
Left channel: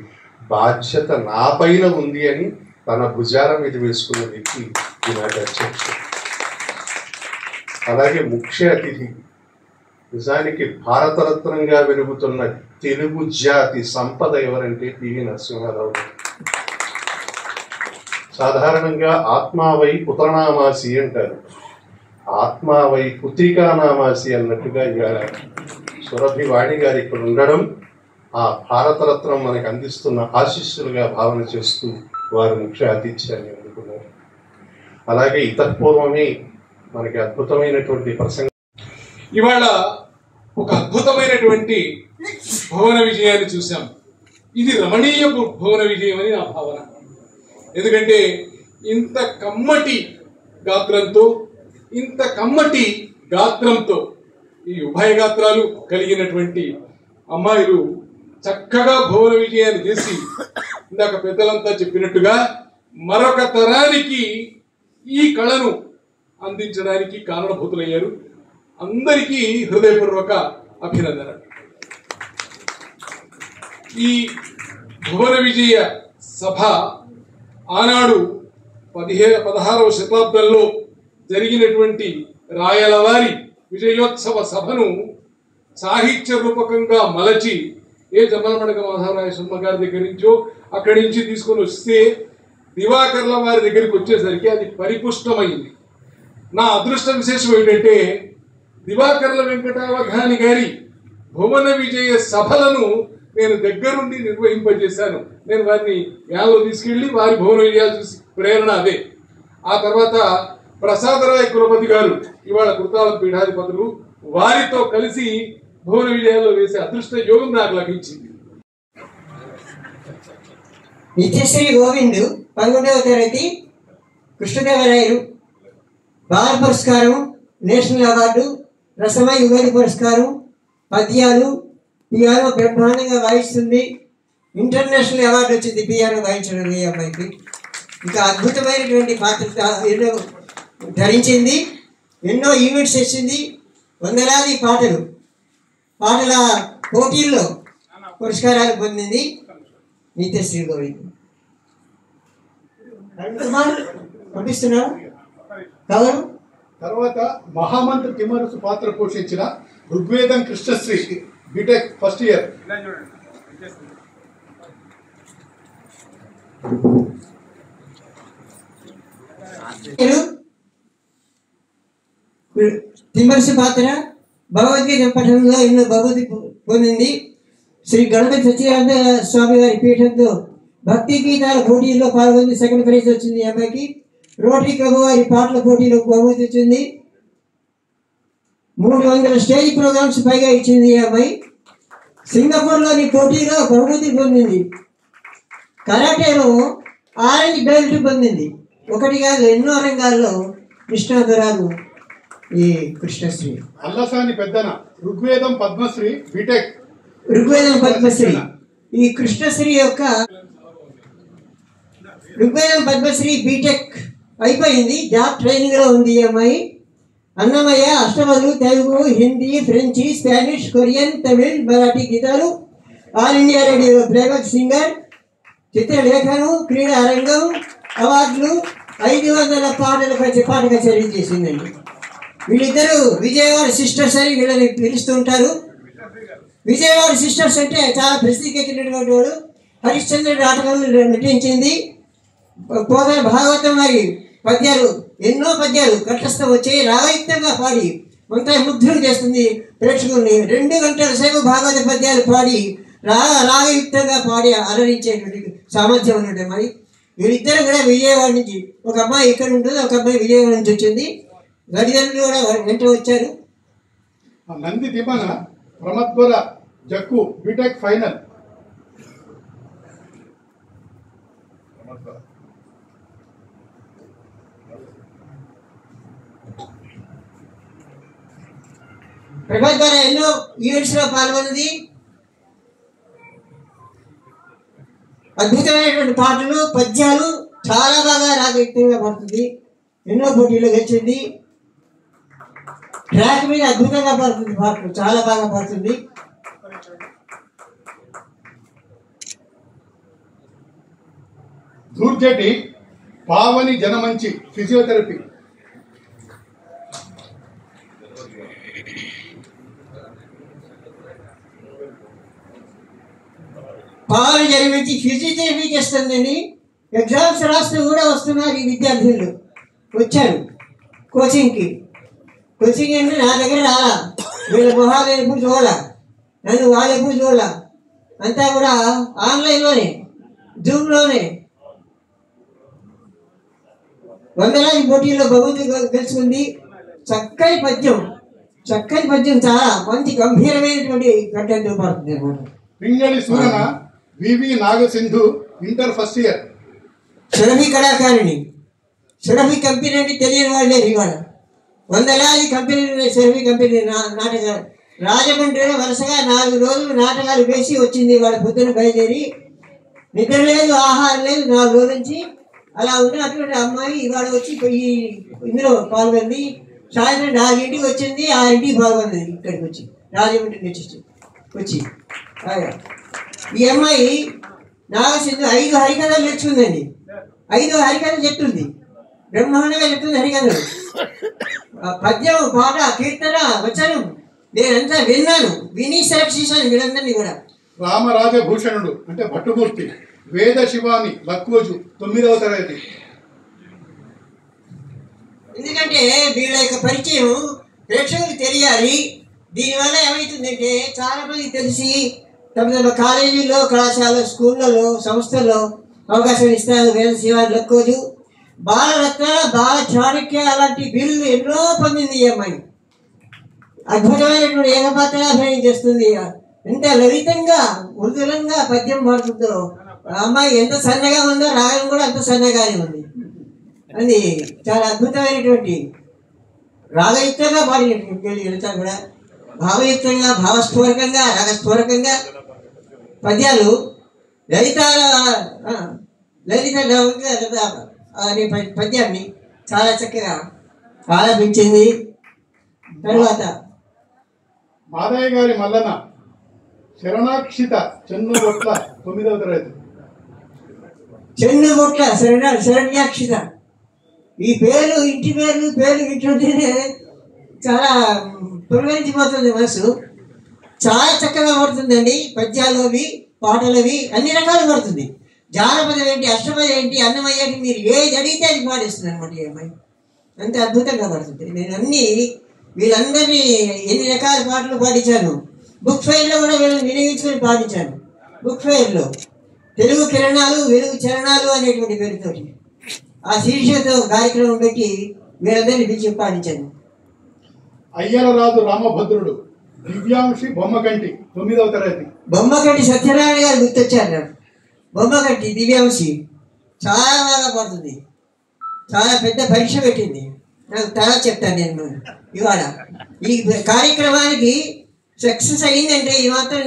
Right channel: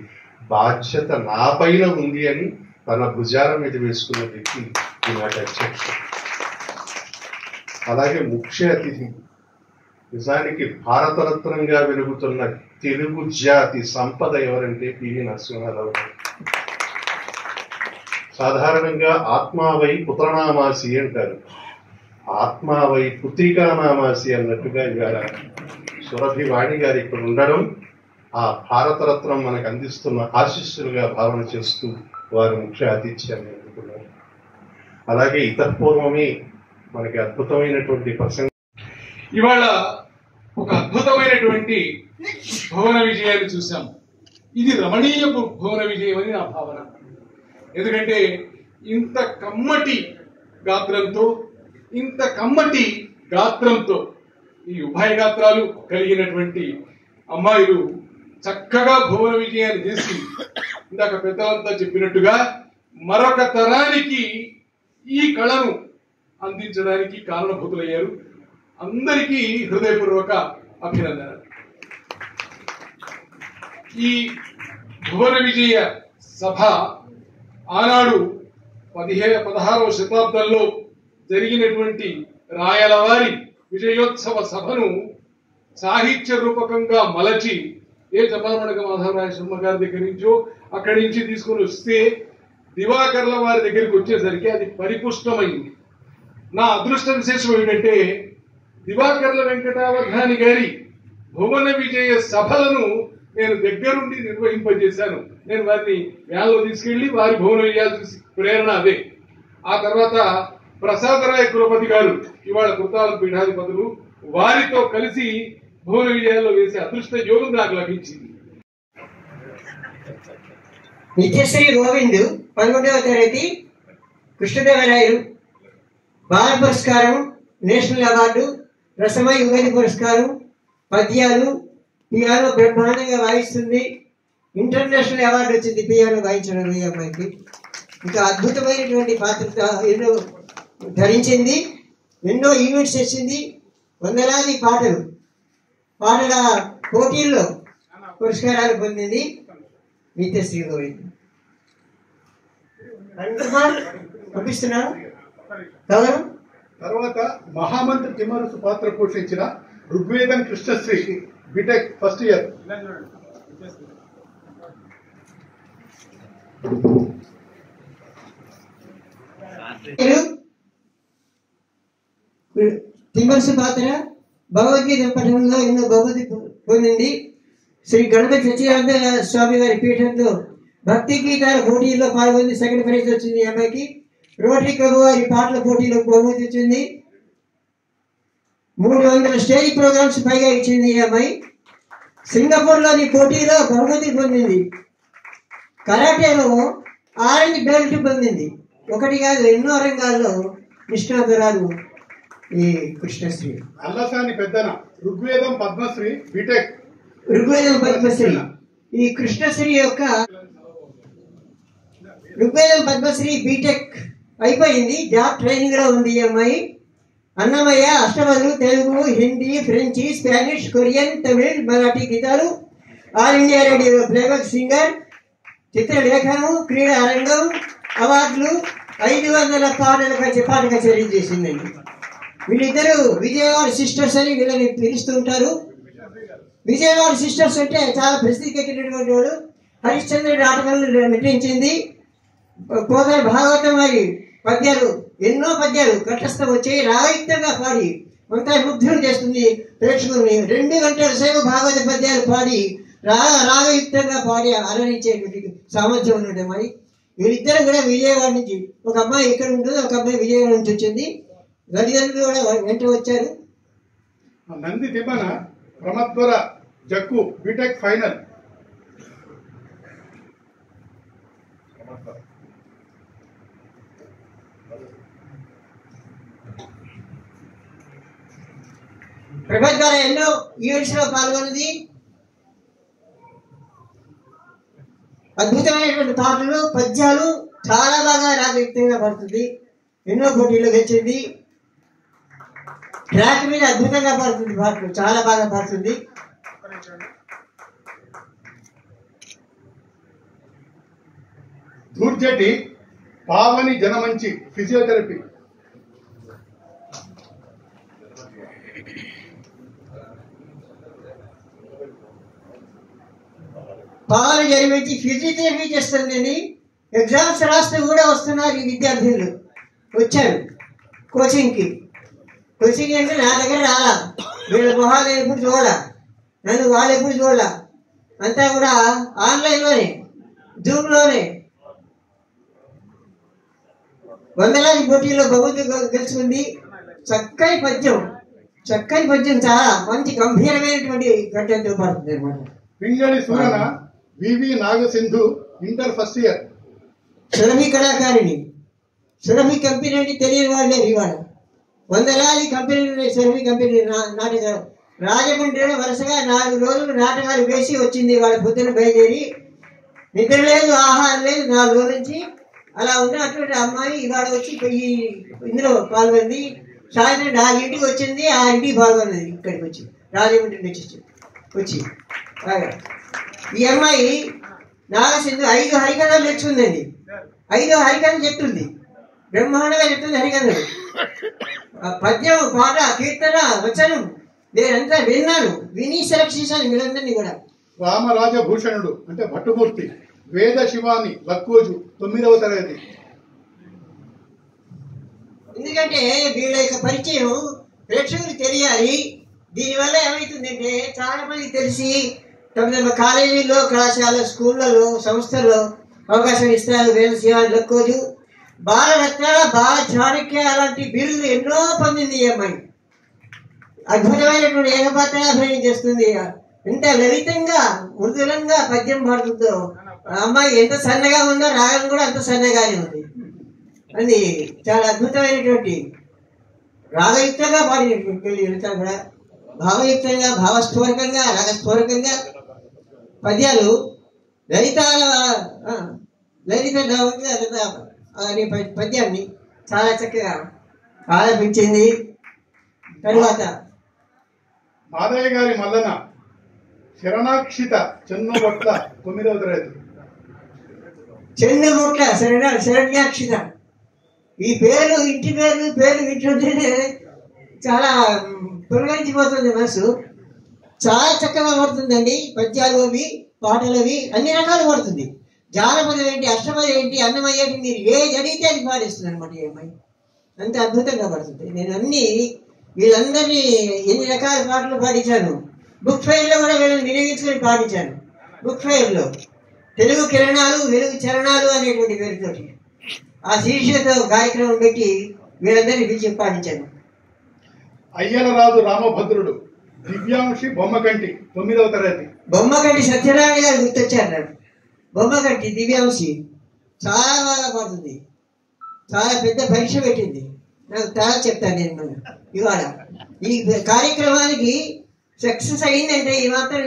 బాధ్యత నా పైన ఉంది అని తన భుజాల మీద వేసుకున్న వ్యక్తి ఈనాటి అధ్యక్షుడు. అలాగే ముఖ్య అతిథి, నిజానికి భారతరత్నంగా వెలుగుతున్న తెలుగు జాతి సంపద ఎవరంటే పివి నరసింహారావు. సాధారణంగా ఆత్మావై పుత్రనామాసి అంటారు, ఆత్మావై పుత్రికానామాసి అన్నట్టుగా ఇవాళ సురభి వాణి గారు ఇక్కడ ఉండడం ఆ భారతరత్నం మనకు అందిస్తున్న ఆశీస్సులుగా భావన చేస్తూ వారు ముఖ్య ఆతిథ్యాన్ని అందుకున్నారు. అలాగే ఇతపూర్వమే మనకి అద్భుతమైనటువంటి ప్రసంగం. ఇవాళ ఒక అద్భుతమైనటువంటి భువన విజయాన్ని చూసాం. ఇది రమణీయ భువన విజయం అని నా భావన. ఎందుకంటే ఇంత కమ్మటి గాత్రంతో ఈ ఉభయ గాత్రాలు కలిగినటువంటి అమ్మాయిలు చక్కగా భువన విజయాన్ని చేసి ఇందాక పెద్దలంతా చెప్పినట్టుగా మరొక తరానికి ఈ కళను అందించడానికి కారణభూతులయ్యారు. అందరికీ హృదయపూర్వక అభినందన. ఈ భువన విజయ సభ ఆనాడు 16వ శతాబ్దంలో జరిగినటువంటి రాయలవారి విజయోత్సవ సభను సాహిత్య రూపకంగా మలచి ఏ జమ్మలమడక మాధవరాయ శర్మ గారి దగ్గర నుంచో అక్కడి నుంచి తీసుకొని వస్తే దివాకర్ల వారి దగ్గరికి వచ్చేసరికి అది పరిపుష్టమైంది. నా అదృష్ట విశేషం ఏమిటంటే దివాకర్ల వెంకటావధాని గారి భువన విజయ సభలను నేను దగ్గరుండి నిర్వహింపజేశాను. నేను వారిని వేలలో తీసుకెళ్లి వారి భువన విజయాలు చూసి ప్రేరణ అదే. ఆ తర్వాత ప్రసాదరాయ కులపతి గారు ఇవాళ కృతావల పీఠాధిపతులు, వారితో కలిసి భువన విజయాల్లో వేసే అదృష్ట యోగం నాకు లభించింది. నిత్యశ్రీ గోవింద్ 11వ తరగతి, కృష్ణదేవరాయలు బాల పురస్కారం, నేషనల్ అవార్డు, రసమై యుగది పురస్కారం, పద్యాలు, పియానో బ్రహ్మాండంగా వాయిస్తుంది. ఇంటర్నేషనల్ అవార్డు వచ్చింది పియానో వాయించడం ఈ అమ్మాయికి. ఇంకా అద్భుతమైనటువంటి పాత్ర ఎన్నో ధరించింది, ఎన్నో ఈవెంట్స్ చేసింది, వందలాది పాటల పోటీల్లో పురస్కారాలు పొందింది నిత్యశ్రీ గోవింద్. పంపిస్తున్నారు. తర్వాత మహామంత్రి తిమ్మరసు పాత్ర పోషించిన Rigvedam Krishnasri BTech first year. Timmarasu పాత్ర భగవద్గీత పఠనంలో ఎన్నో బహుమతి పొందింది. శ్రీ గణపతి సత్యనారాయణ స్వామి వారి పీఠంలో భక్తి గీతాల పోటీల్లో పాల్గొంది. సెకండ్ ప్రైజ్ వచ్చింది ఈ అమ్మాయికి. రోటరీ క్లబ్ వారి పాటల పోటీలో బహుమతి వచ్చింది. 300 స్టేజ్ ప్రోగ్రామ్స్ పైగా ఇచ్చింది ఈ అమ్మాయి. సింగపూర్లోని పోటీలో బహుమతి పొందింది. కరాటేలో ఆరెంజ్ బెల్ట్ పొందింది. ఒకటి కాదు, ఎన్నో రంగాల్లో నిష్ణాతురాలు ఈ కృష్ణశ్రీ. అల్లసాని పెద్దన ఋగ్వేదం పద్మశ్రీ బీటెక్. ఋగ్వేదం పద్మశ్రీ ఈ కృష్ణశ్రీ యొక్క ఋగ్వేదం పద్మశ్రీ బీటెక్ అయిపోయింది. జాబ్ ట్రైనింగ్ లో ఉంది ఈ అమ్మాయి. అన్నమయ్య అష్టపదులు, తెలుగు, హిందీ, ఫ్రెంచి, స్పానిష్, కొరియన్, తమిళ్, మరాఠీ గీతాలు, all India radio playback singer, చిత్రలేఖనం, క్రీడా రంగం, అవార్డులు, 500 పాట కచేరీ చేసిందండి. వీళ్ళిద్దరూ విజయవాడ సిస్టర్స్ అని వీళ్ళని పిలుస్తుంటారు. విజయవాడ సిస్టర్స్ అంటే చాలా ప్రసిద్ధికెక్కినటువంటి వాడు. హరిశ్చంద్రుడి నాటకాలు నటించింది. పోగా భాగవతం వారి పద్యాలు, ఎన్నో పద్యాలు కంఠస్థం వచ్చి రాగయుక్తంగా పాడి అంతా ముగ్ధులు చేస్తుంది ప్రేక్షకుల్ని. 2 గంటల సేపు భాగవత పద్యాలు పాడి రాగయుక్తంగా పాడి అలరించేటువంటి సామర్థ్యం ఉన్నట్టు మరి. వీళ్ళిద్దరు కూడా విజయవాడ నుంచి, ఒక అమ్మాయి ఇక్కడ ఉంటుంది, ఒక అమ్మాయి విజయవాడ నుంచి వచ్చింది. తల్లిదండ్రులు కూడా వెంట వచ్చారు. Nandi Timmana Pramadvara Jakku BTech final. ప్రభాస్ గారు ఎన్నో ఈవెంట్స్ లో పాల్గొన్నది. అద్భుతమైనటువంటి పాటలు, పద్యాలు చాలా బాగా రాగయుక్తంగా పడుతుంది. ఎన్నో పోటీలు గెలిచింది. ట్రాక్ మీద అద్భుతంగా పడుతుంది, పాటలు చాలా బాగా పడుతుంది. దూర్జటి పావని జనమంచి ఫిజియోథెరపీ. పావని జనమంచి ఫిజియోథెరపీ చేస్తుందండి. ఎగ్జామ్స్ రాస్తూ కూడా వస్తున్నారు ఈ విద్యార్థులు, వచ్చారు కోచింగ్కి. కోచింగ్ అంటే నా దగ్గర రాలా, వీళ్ళ మొహాలు ఎప్పుడు చూడాల, నన్ను వాళ్ళు ఎప్పుడు చూడాల, అంతా కూడా ఆన్లైన్లోనే, జూమ్లోనే. వందలాది పోటీల్లో బహుమతి గెలుచుకుంది. చక్కని పద్యం చాలా మంచి గంభీరమైనటువంటి కంటెంట్ పడుతుంది అనమాట. Pingali Surana VV Nagasindhu inter first year. Surabhi కళాకారిణి. సురభి కంపెనీ అంటే తెలియని వాళ్ళే ఇవాళ. వందలాది కంపెనీలు ఉన్నాయి. సురభి కంపెనీ నాటకాలు రాజమండ్రిలో వరుసగా 4 రోజులు నాటకాలు వేసి వచ్చింది. వాళ్ళ పొద్దున బయలుదేరి, నిద్ర లేదు, ఆహారం లేదు 4 రోజుల నుంచి. అలా ఉన్నటువంటి అమ్మాయి ఇవాళ వచ్చి ఇందులో పాల్గొంది. సాయంత్రం 4 ఇంటికి వచ్చింది, 6 ఇంటికి పాల్గొన్నది. ఇక్కడికి వచ్చి రాజమండ్రి నుంచి వచ్చి ఈ అమ్మాయి నాగసింధు 5 హరికథలు నేర్చుకుందండి. 5 హరికథలు చెప్తుంది, బ్రహ్మాండంగా చెప్తుంది హరికథలు. పద్యం, పాట, కీర్తన, వచనం నేనంతా విన్నాను, విని సెలెక్ట్ చేశాను వీళ్ళందరినీ కూడా. రామరాజభూషణుడు అంటే భట్టుమూర్తి వేద శివాని లక్కోజు 9వ తరగతి. ఎందుకంటే వీళ్ళ యొక్క పరిచయం ప్రేక్షకులకు తెలియాలి. దీనివల్ల ఏమవుతుందంటే చాలా మందికి తెలిసి తమ కాలేజీల్లో, కళాశాల, స్కూళ్ళలో, సంస్థల్లో అవకాశం ఇస్తారు. వేద శివాని లక్కోజు, బాలరత్న, బాల చాణక్య అలాంటి బిరుదులు ఎన్నో పొందింది ఈ అమ్మాయి. అద్భుతమైనటువంటి ఏకపాత్రగా అభినయం చేస్తుంది. ఎంత లలితంగా మృదులంగా పద్యం పాడుతుందో. అమ్మాయి ఎంత సన్నగా ఉందో రాగం కూడా అంత సన్నగానే ఉంది. అది చాలా అద్భుతమైనటువంటి రాగయుక్తంగా పాడినటువంటి లలిత కూడా భావయుక్తంగా, భావస్ఫూరకంగా, రాగస్ఫూరకంగా పద్యాలు లలిత అనే పద్యాన్ని చాలా చక్కగా ఆలపించింది. తరువాత మాదయ్య గారి మల్లన శరణాక్షిత చెన్నుబొట్ల 9వ తరగతి. చెన్నుబొట్ల శరణ్యాక్షిత. ఈ పేరు ఇంటి పేరు వింటుంటేనే చాలా పులకరించిపోతుంది మనసు. చాలా చక్కగా పడుతుందండి. పద్యాలు అవి, పాటలు అవి అన్ని రకాలు పడుతుంది. జానపదం ఏంటి, అష్టపదం ఏంటి, అన్నమయ్య ఏంటి, మీరు ఏది అడిగితే అది పాటిస్తుంది అనమాట ఈ అమ్మాయి. అంత అద్భుతంగా పడుతుంది. నేను వీళ్ళందరినీ ఎన్ని రకాల పాటలు పాడించాను. బుక్ ఫెయిర్లో కూడా వీళ్ళని వినియోగించుకొని పాడించాను. బుక్ ఫెయిర్లో తెలుగు కిరణాలు, వెలుగు చరణాలు అనేటువంటి పేరుతోటి ఆ శీర్షికతో కార్యక్రమం పెట్టి వీళ్ళందరినీ పిలిచి పాడించాను. అయ్యలరాజు రామభద్రుడు దివ్యాంశి బొమ్మకంటి 9వ తరగతి. బొమ్మకంటి సత్యనారాయణ గారు గుర్తొచ్చారు నాకు. బొమ్మకంటి దివ్యాంశి చాలా బాగా పడుతుంది. చాలా పెద్ద పరీక్ష పెట్టింది. నాకు చాలా చెప్తాను నేను ఇవాళ. ఈ కార్యక్రమానికి సక్సెస్ అయిందంటే, ఈ మాత్రం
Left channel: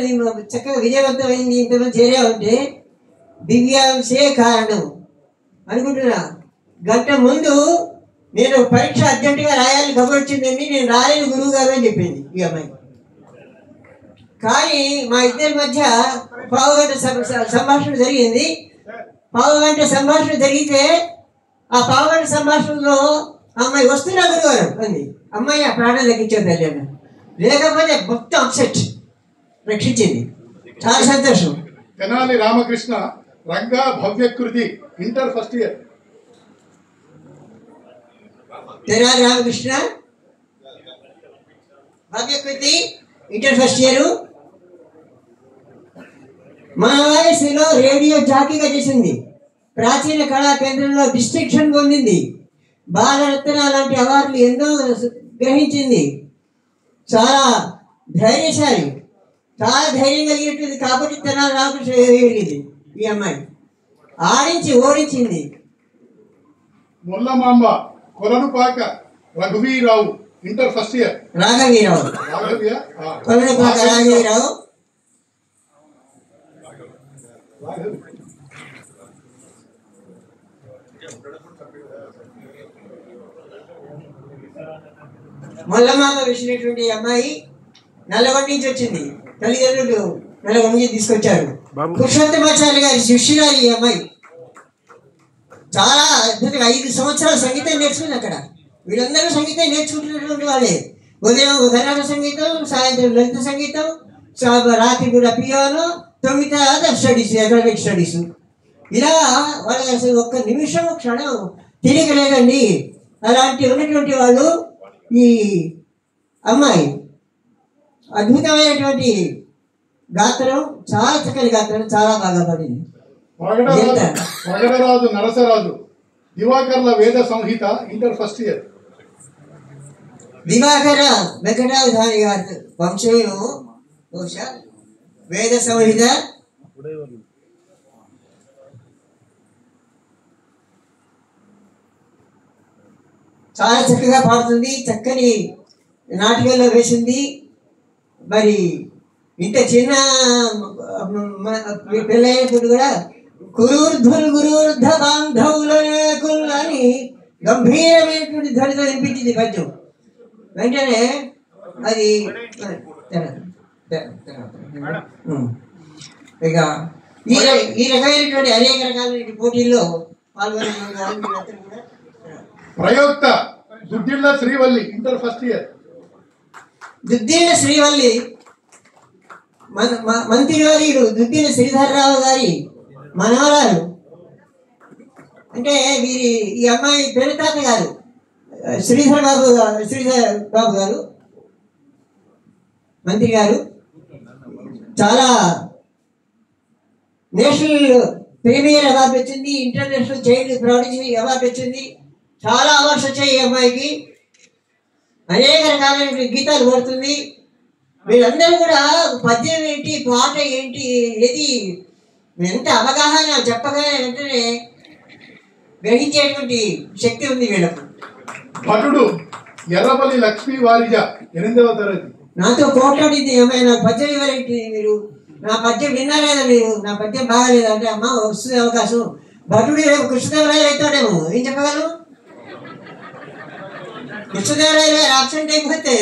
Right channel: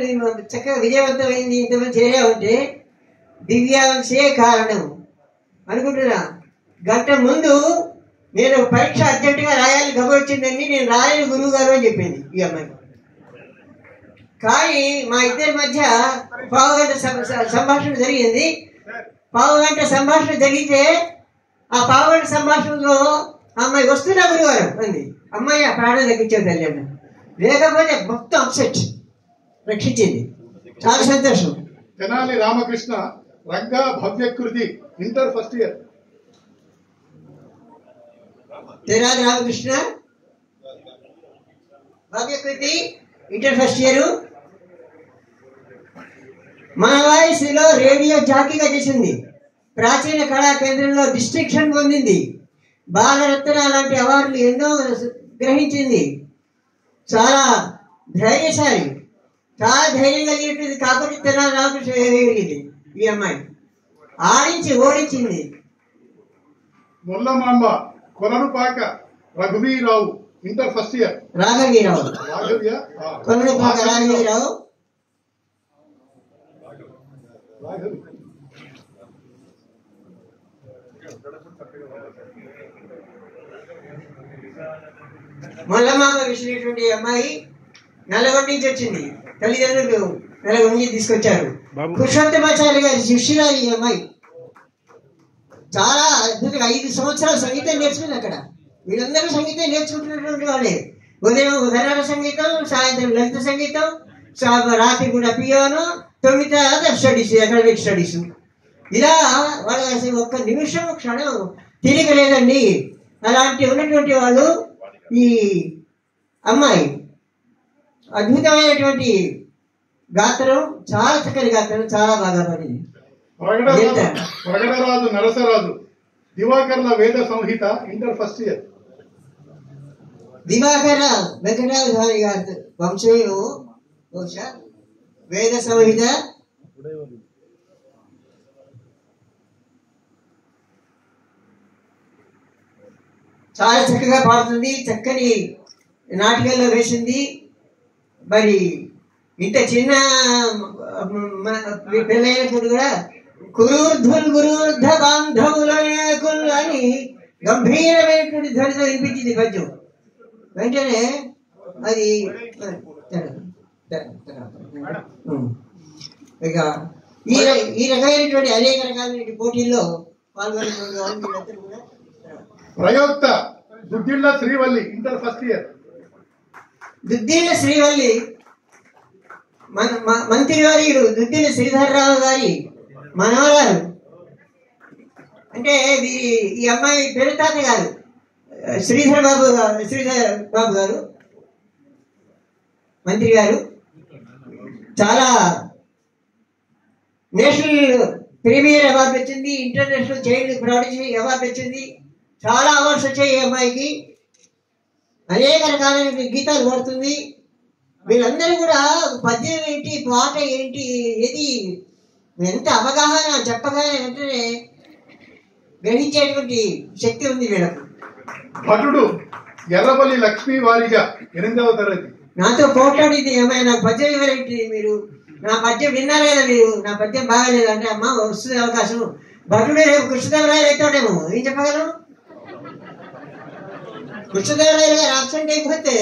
చక్కగా విజయవంతమైంది, ఇంతమంది చేరామంటే దివ్యాంశే కారణం అనుకుంటున్నా. గంట ముందు నేను పరీక్ష అర్జెంటుగా రాయాలి, గమనించిందండి, నేను రాయని గురువు గారు అని చెప్పింది ఈ అమ్మాయి. కానీ మా ఇద్దరి మధ్య పావుగంట సంభాషణ జరిగింది. పావుగంట సంభాషణ జరిగితే ఆ పావుగంట సంభాషణలో అమ్మాయి వస్తున్నా గురుగారు అంది. అమ్మాయి ఆ ప్రాణం దక్కించేది తల్లి. లేకపోతే మొత్తం అప్సెట్ రక్షించింది. చాలా సంతోషం. Tenali Ramakrishna Ranga Bhavyakriti inter first year. Tenali Ramakrishna Bhavyakriti inter first year. మన వాయిస్లో రేడియో జాకీగా చేసింది. ప్రాచీన కళా కేంద్రంలో డిస్ట్రిక్షన్ పొందింది. బాలరత్న లాంటి అవార్డులు ఎన్నో గ్రహించింది. చాలా ధైర్యశాలి, చాలా ధైర్యం కలిగినట్టుంది. కాబట్టి తెనాలి రామకృష్ణ వేయగలిగింది ఈ అమ్మాయి. ఆడించి ఓడించింది. Mullamamba Kolanupaka రఘువీరావు inter first year. రాఘవీరావు Kolanupaka రాఘవీరావు. మల్లమామ విసినటువంటి అమ్మాయి నల్లగొండ నుంచి వచ్చింది. తల్లిదండ్రులు నల్లగొండ నుంచి తీసుకొచ్చారు. పురుషోత్తమాచార్య గారి శిష్యురాలు ఈ అమ్మాయి. చాలా అద్భుతంగా 5 సంవత్సరాలు సంగీతం నేర్చుకుంది అక్కడ. వీళ్ళందరూ సంగీతం నేర్చుకుంటున్నటువంటి వాళ్ళే. ఉదయం కర్ణాటక సంగీతం, సాయంత్రం లలిత సంగీతం, రాత్రి కూడా పియానో, 9 తర్వాత స్టడీస్, అకాడమిక్ స్టడీస్. ఇలా వాళ్ళ అసలు ఒక్క నిమిషం క్షణం తిరగలేదండి. అలాంటి ఉన్నటువంటి వాళ్ళు ఈ అమ్మాయి అద్భుతమైనటువంటి గాత్రం, చాలా చక్కని గాత్రం, చాలా బాగా పడింది. ప్రగడరాజు నరసరాజు దివాకర్ల వేద సంహిత ఇంటర్ ఫస్ట్ ఇయర్. దివాకర వెంకటాధారి గారి వంశీయము బహుశా. వేద సంహిత చాలా చక్కగా పాడుతుంది. చక్కని నాటకాల్లో వేసింది. మరి ఇంత చిన్న పెళ్ళైనప్పుడు కూడా గురువర్ధ బాంధవులు అని గంభీరమైనటువంటి ధ్వనితో వినిపించింది పద్యం. వెంటనే అది ఇక ఈ రకమైనటువంటి అనేక రకాలైన పోటీల్లో పాల్గొనేటువంటి కూడా. ప్రయోక్త Duddilla Srivalli inter first year. Duddilla Srivalli మంత్రివర్యుడు దుద్దిళ్ళ శ్రీధర్రావు గారి మనవరాలు అంటే ఈ అమ్మాయి పెరుతాత గారు శ్రీధర్ బాబు గారు మంత్రి గారు చాలా నేషనల్ ప్రీమియర్ అవార్డు వచ్చింది, ఇంటర్నేషనల్ చైల్డ్ ప్రాడిజీ అవార్డు వచ్చింది, చాలా అవార్డ్స్ వచ్చాయి ఈ అమ్మాయికి. అనేక రకాలైన గీతాలు పడుతుంది. వీళ్ళందరూ కూడా పద్యం ఏంటి, పాట ఏంటి, ఏది ఎంత అవగాహన చెప్పగానే వెంటనే గ్రహించేటువంటి శక్తి ఉంది వీళ్ళకు. భటుడు ఎర్రబల్లి లక్ష్మీ వారిజ 8వ తరగతి. నాతో పోట్లాడింది అమ్మాయి, నాకు పద్యం ఇవ్వరేంటి మీరు, నా పద్యం విన్నారా మీరు, నా పద్యం బాగాలేదు అంటే అమ్మ వస్తుంది అవకాశం. భటుడు రేపు కృష్ణదేవరాయలు అవుతాడేమో, ఏం చెప్పగలను? కృష్ణదేవరాయలు గారు ఆబ్సెంట్ అయిపోతే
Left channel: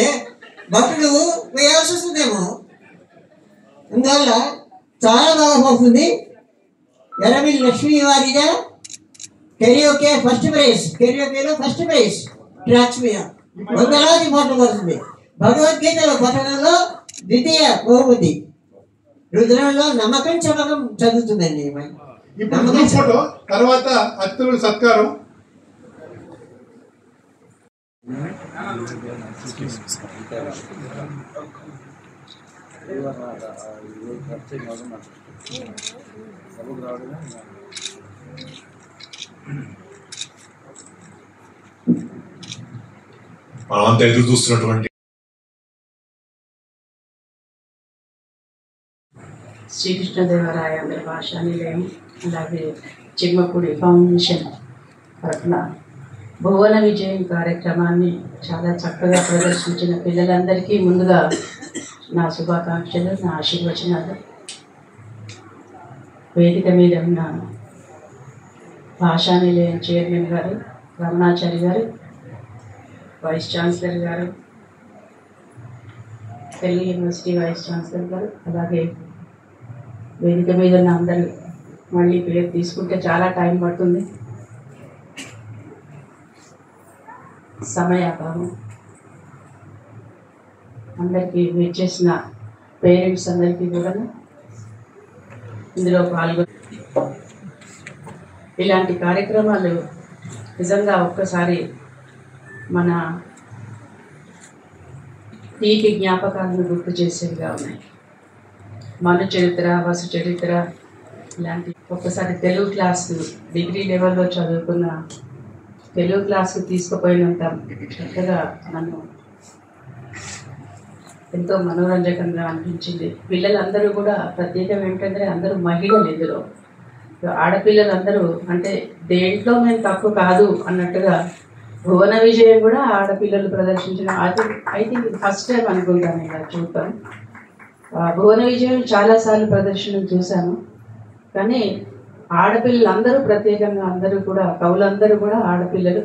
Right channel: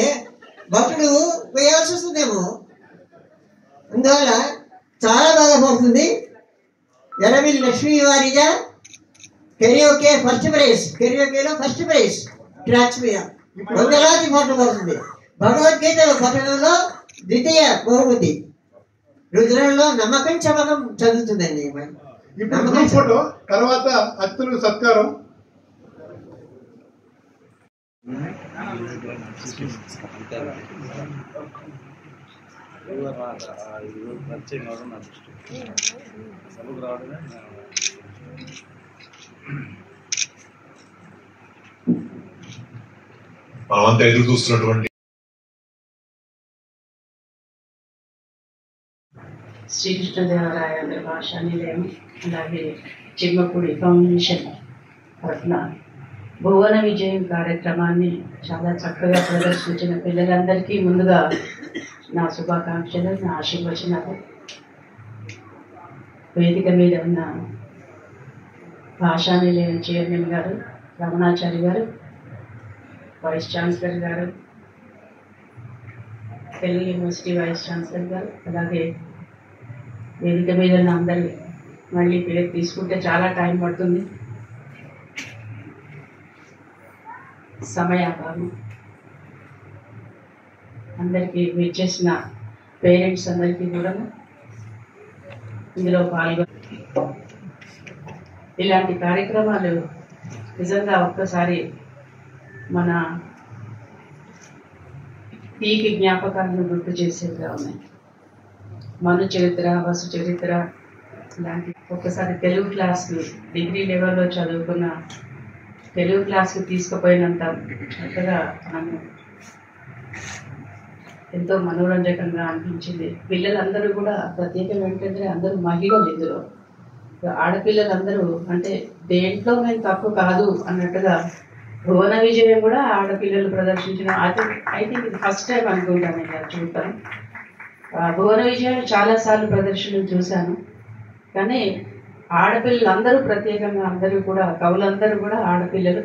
భటుడు వేయాల్సి వస్తుందేమో. అందువల్ల చాలా బాగా పోతుంది. Errabelli Lakshmi Varija karaoke first prize, కెరియోకేలో ఫస్ట్ ప్రైజ్ ట్రాక్స్ మీద 100 పాటలు పడుతుంది. భగవద్గీతలో పఠనంలో 2వ బహుమతి, రుద్రంలో నమ్మకం చమకం చదువుతుందండి. ఇప్పుడు ఫోటో తర్వాత అతిథులు సత్కారం. మనమంతా ఎదురు చూస్తున్నటువంటి శ్రీకృష్ణదేవరాయ భాషా నిలయం అలాగే చిమ్మపూడి ఫౌండేషన్ తరఫున భువన విజయం కార్యక్రమాన్ని చాలా చక్కగా ప్రదర్శించిన పిల్లలందరికీ ముందుగా నా శుభాకాంక్షలు, నా ఆశీర్వచనాలు. వేదిక మీద ఉన్న భాషా నిలయం చైర్మన్ గారు రమణాచారి గారు, వైస్ ఛాన్సలర్ గారు, తెలుగు యూనివర్సిటీ వైస్ ఛాన్సలర్ గారు, అలాగే వేదిక మీద ఉన్న అందరూ, మళ్ళీ పేరు తీసుకుంటే చాలా టైం పడుతుంది, సమయాభావం. అందరికీ విచ్చేసిన పేరెంట్స్ అందరికీ కూడా ఇందులో పాల్గొని ఇలాంటి కార్యక్రమాలు నిజంగా ఒక్కసారి మన తీపి జ్ఞాపకాలను గుర్తు చేసేవిగా ఉన్నాయి. మను చరిత్ర, వసు చరిత్ర ఇలాంటి ఒక్కసారి తెలుగు క్లాసు డిగ్రీ లెవెల్లో చదువుకున్న తెలుగు క్లాస్కి తీసుకుపోయినంత చక్కగా నన్ను ఎంతో మనోరంజకంగా అనిపించింది. పిల్లలందరూ కూడా ప్రత్యేకం ఏంటంటే అందరూ మహిళలు, ఇందులో ఆడపిల్లలందరూ అంటే దేంట్లో మేము తక్కువ కాదు అన్నట్టుగా భువన విజయం కూడా ఆడపిల్లలు ప్రదర్శించిన ఐ థింక్ ఇది ఫస్ట్ టైం అనుకుంటాను ఇలా చూద్దాం. భువన విజయం చాలాసార్లు ప్రదర్శనలు చూశాను, కానీ ఆడపిల్లలందరూ ప్రత్యేకంగా అందరూ కూడా కవులందరూ కూడా ఆడపిల్లలు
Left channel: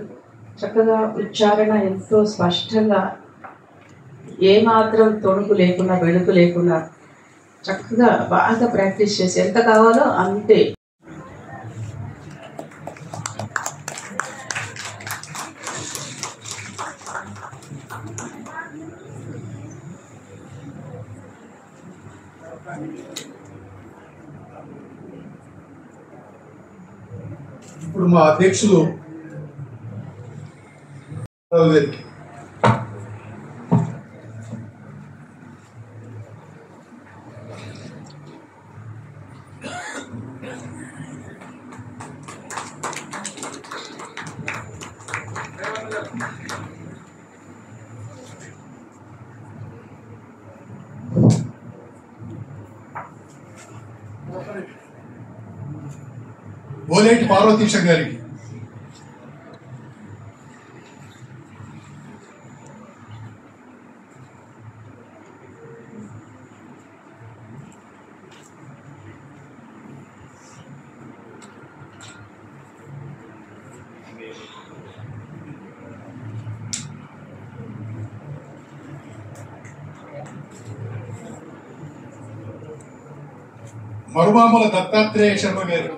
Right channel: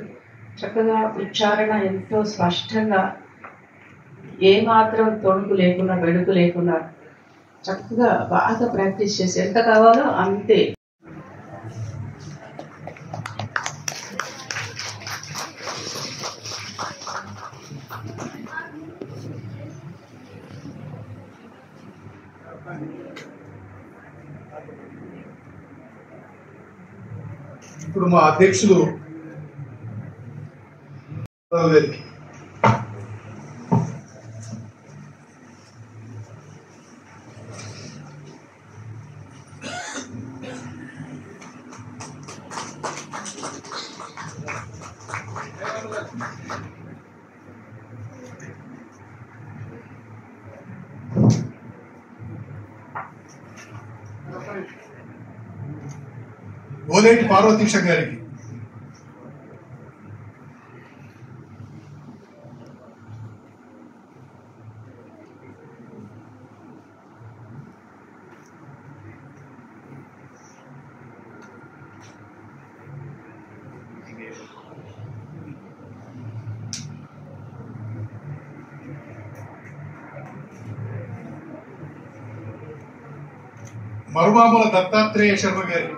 చక్కగా ఉచ్చారణ ఎంతో స్పష్టంగా ఏమాత్రం తొణుకు లేకుండా వెడుకు లేకుండా చక్కగా బాగా ప్రాక్టీస్ చేసి ఎంత కావాలో అంతే. ఇప్పుడు మా అధ్యక్షులు గారికి ఓలేటి పార్వతీశ గారికి మరుమాముల దత్తాత్రేయ శర్మ గారికి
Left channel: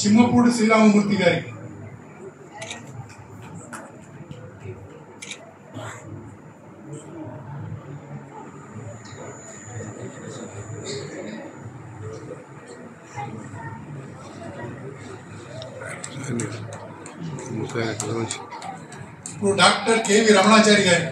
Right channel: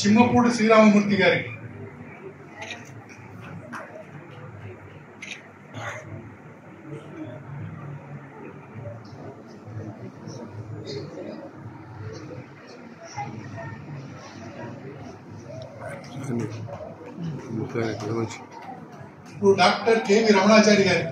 చిమ్మపూడి శ్రీరామమూర్తి గారికి, ఇప్పుడు డాక్టర్ కేవి రమణాచారి గారికి,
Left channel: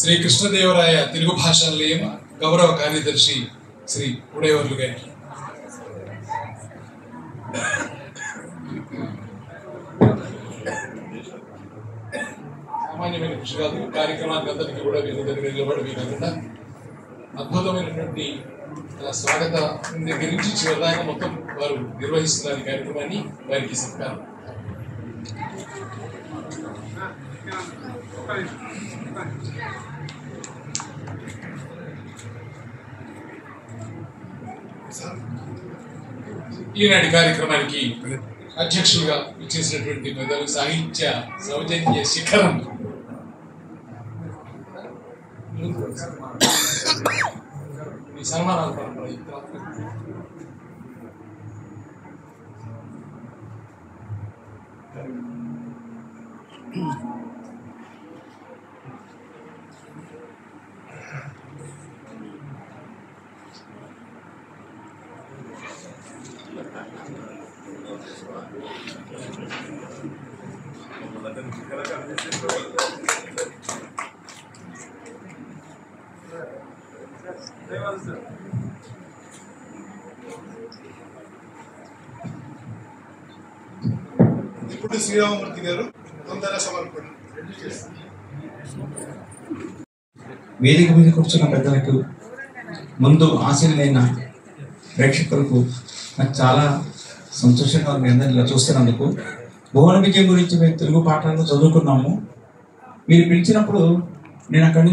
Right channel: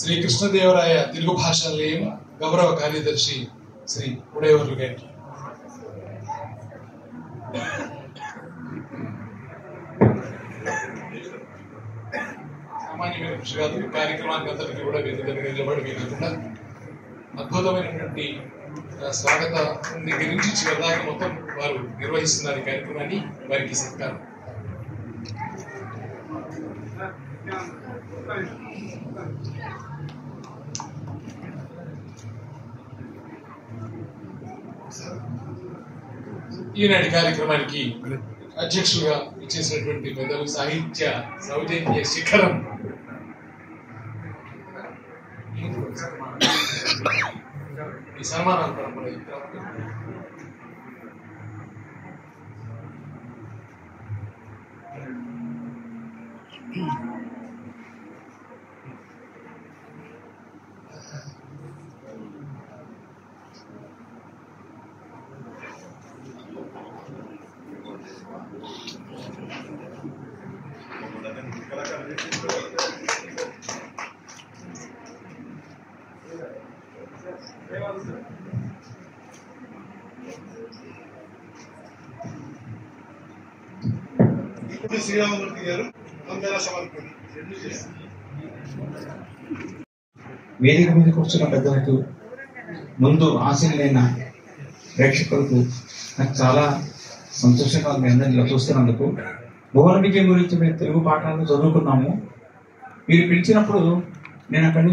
శ్రీ కృష్ణదేవరాయ తెలుగు భాషా నిలయం గౌరవ కార్యదర్శి శ్రీ ఉడేవర్లు గారికి, సామాన్యమైన కృషి కాదు, కార్యక్రమానికి అందరికీ కూడా నిలబడి వీలకుండా అద్భుతమైనటువంటి స్వాగత దగ్గర నుంచి చివరిదాకా మొత్తం వారు నిర్వహిస్తున్నారు ఈ కార్యక్రమాన్ని. వారికి సత్కారం. ఈనాటి కార్యక్రమానికి అధ్యక్షులుగా ఇచ్చేసినటువంటి పెద్దలు సాహిత్య సౌజన్య శిఖరం ఈ సన్మానాలు పరంపర ఇప్పుడు శ్రీరామమూర్తి గారు వందన సమర్పణ. వేదిక మీద కూర్చున్న పెద్దలకు, ముందు ఆశీనులైన ప్రేక్షకులకు నాకు చాలా సంతోషంగా మీ అందరినీ ఇలా చూస్తున్నందుకు. భువన విజయం గురించి మేము తెలుగు పాఠాలను చదువుకున్నాము. మీరు పిలిచినప్పుడు నేను అక్కడి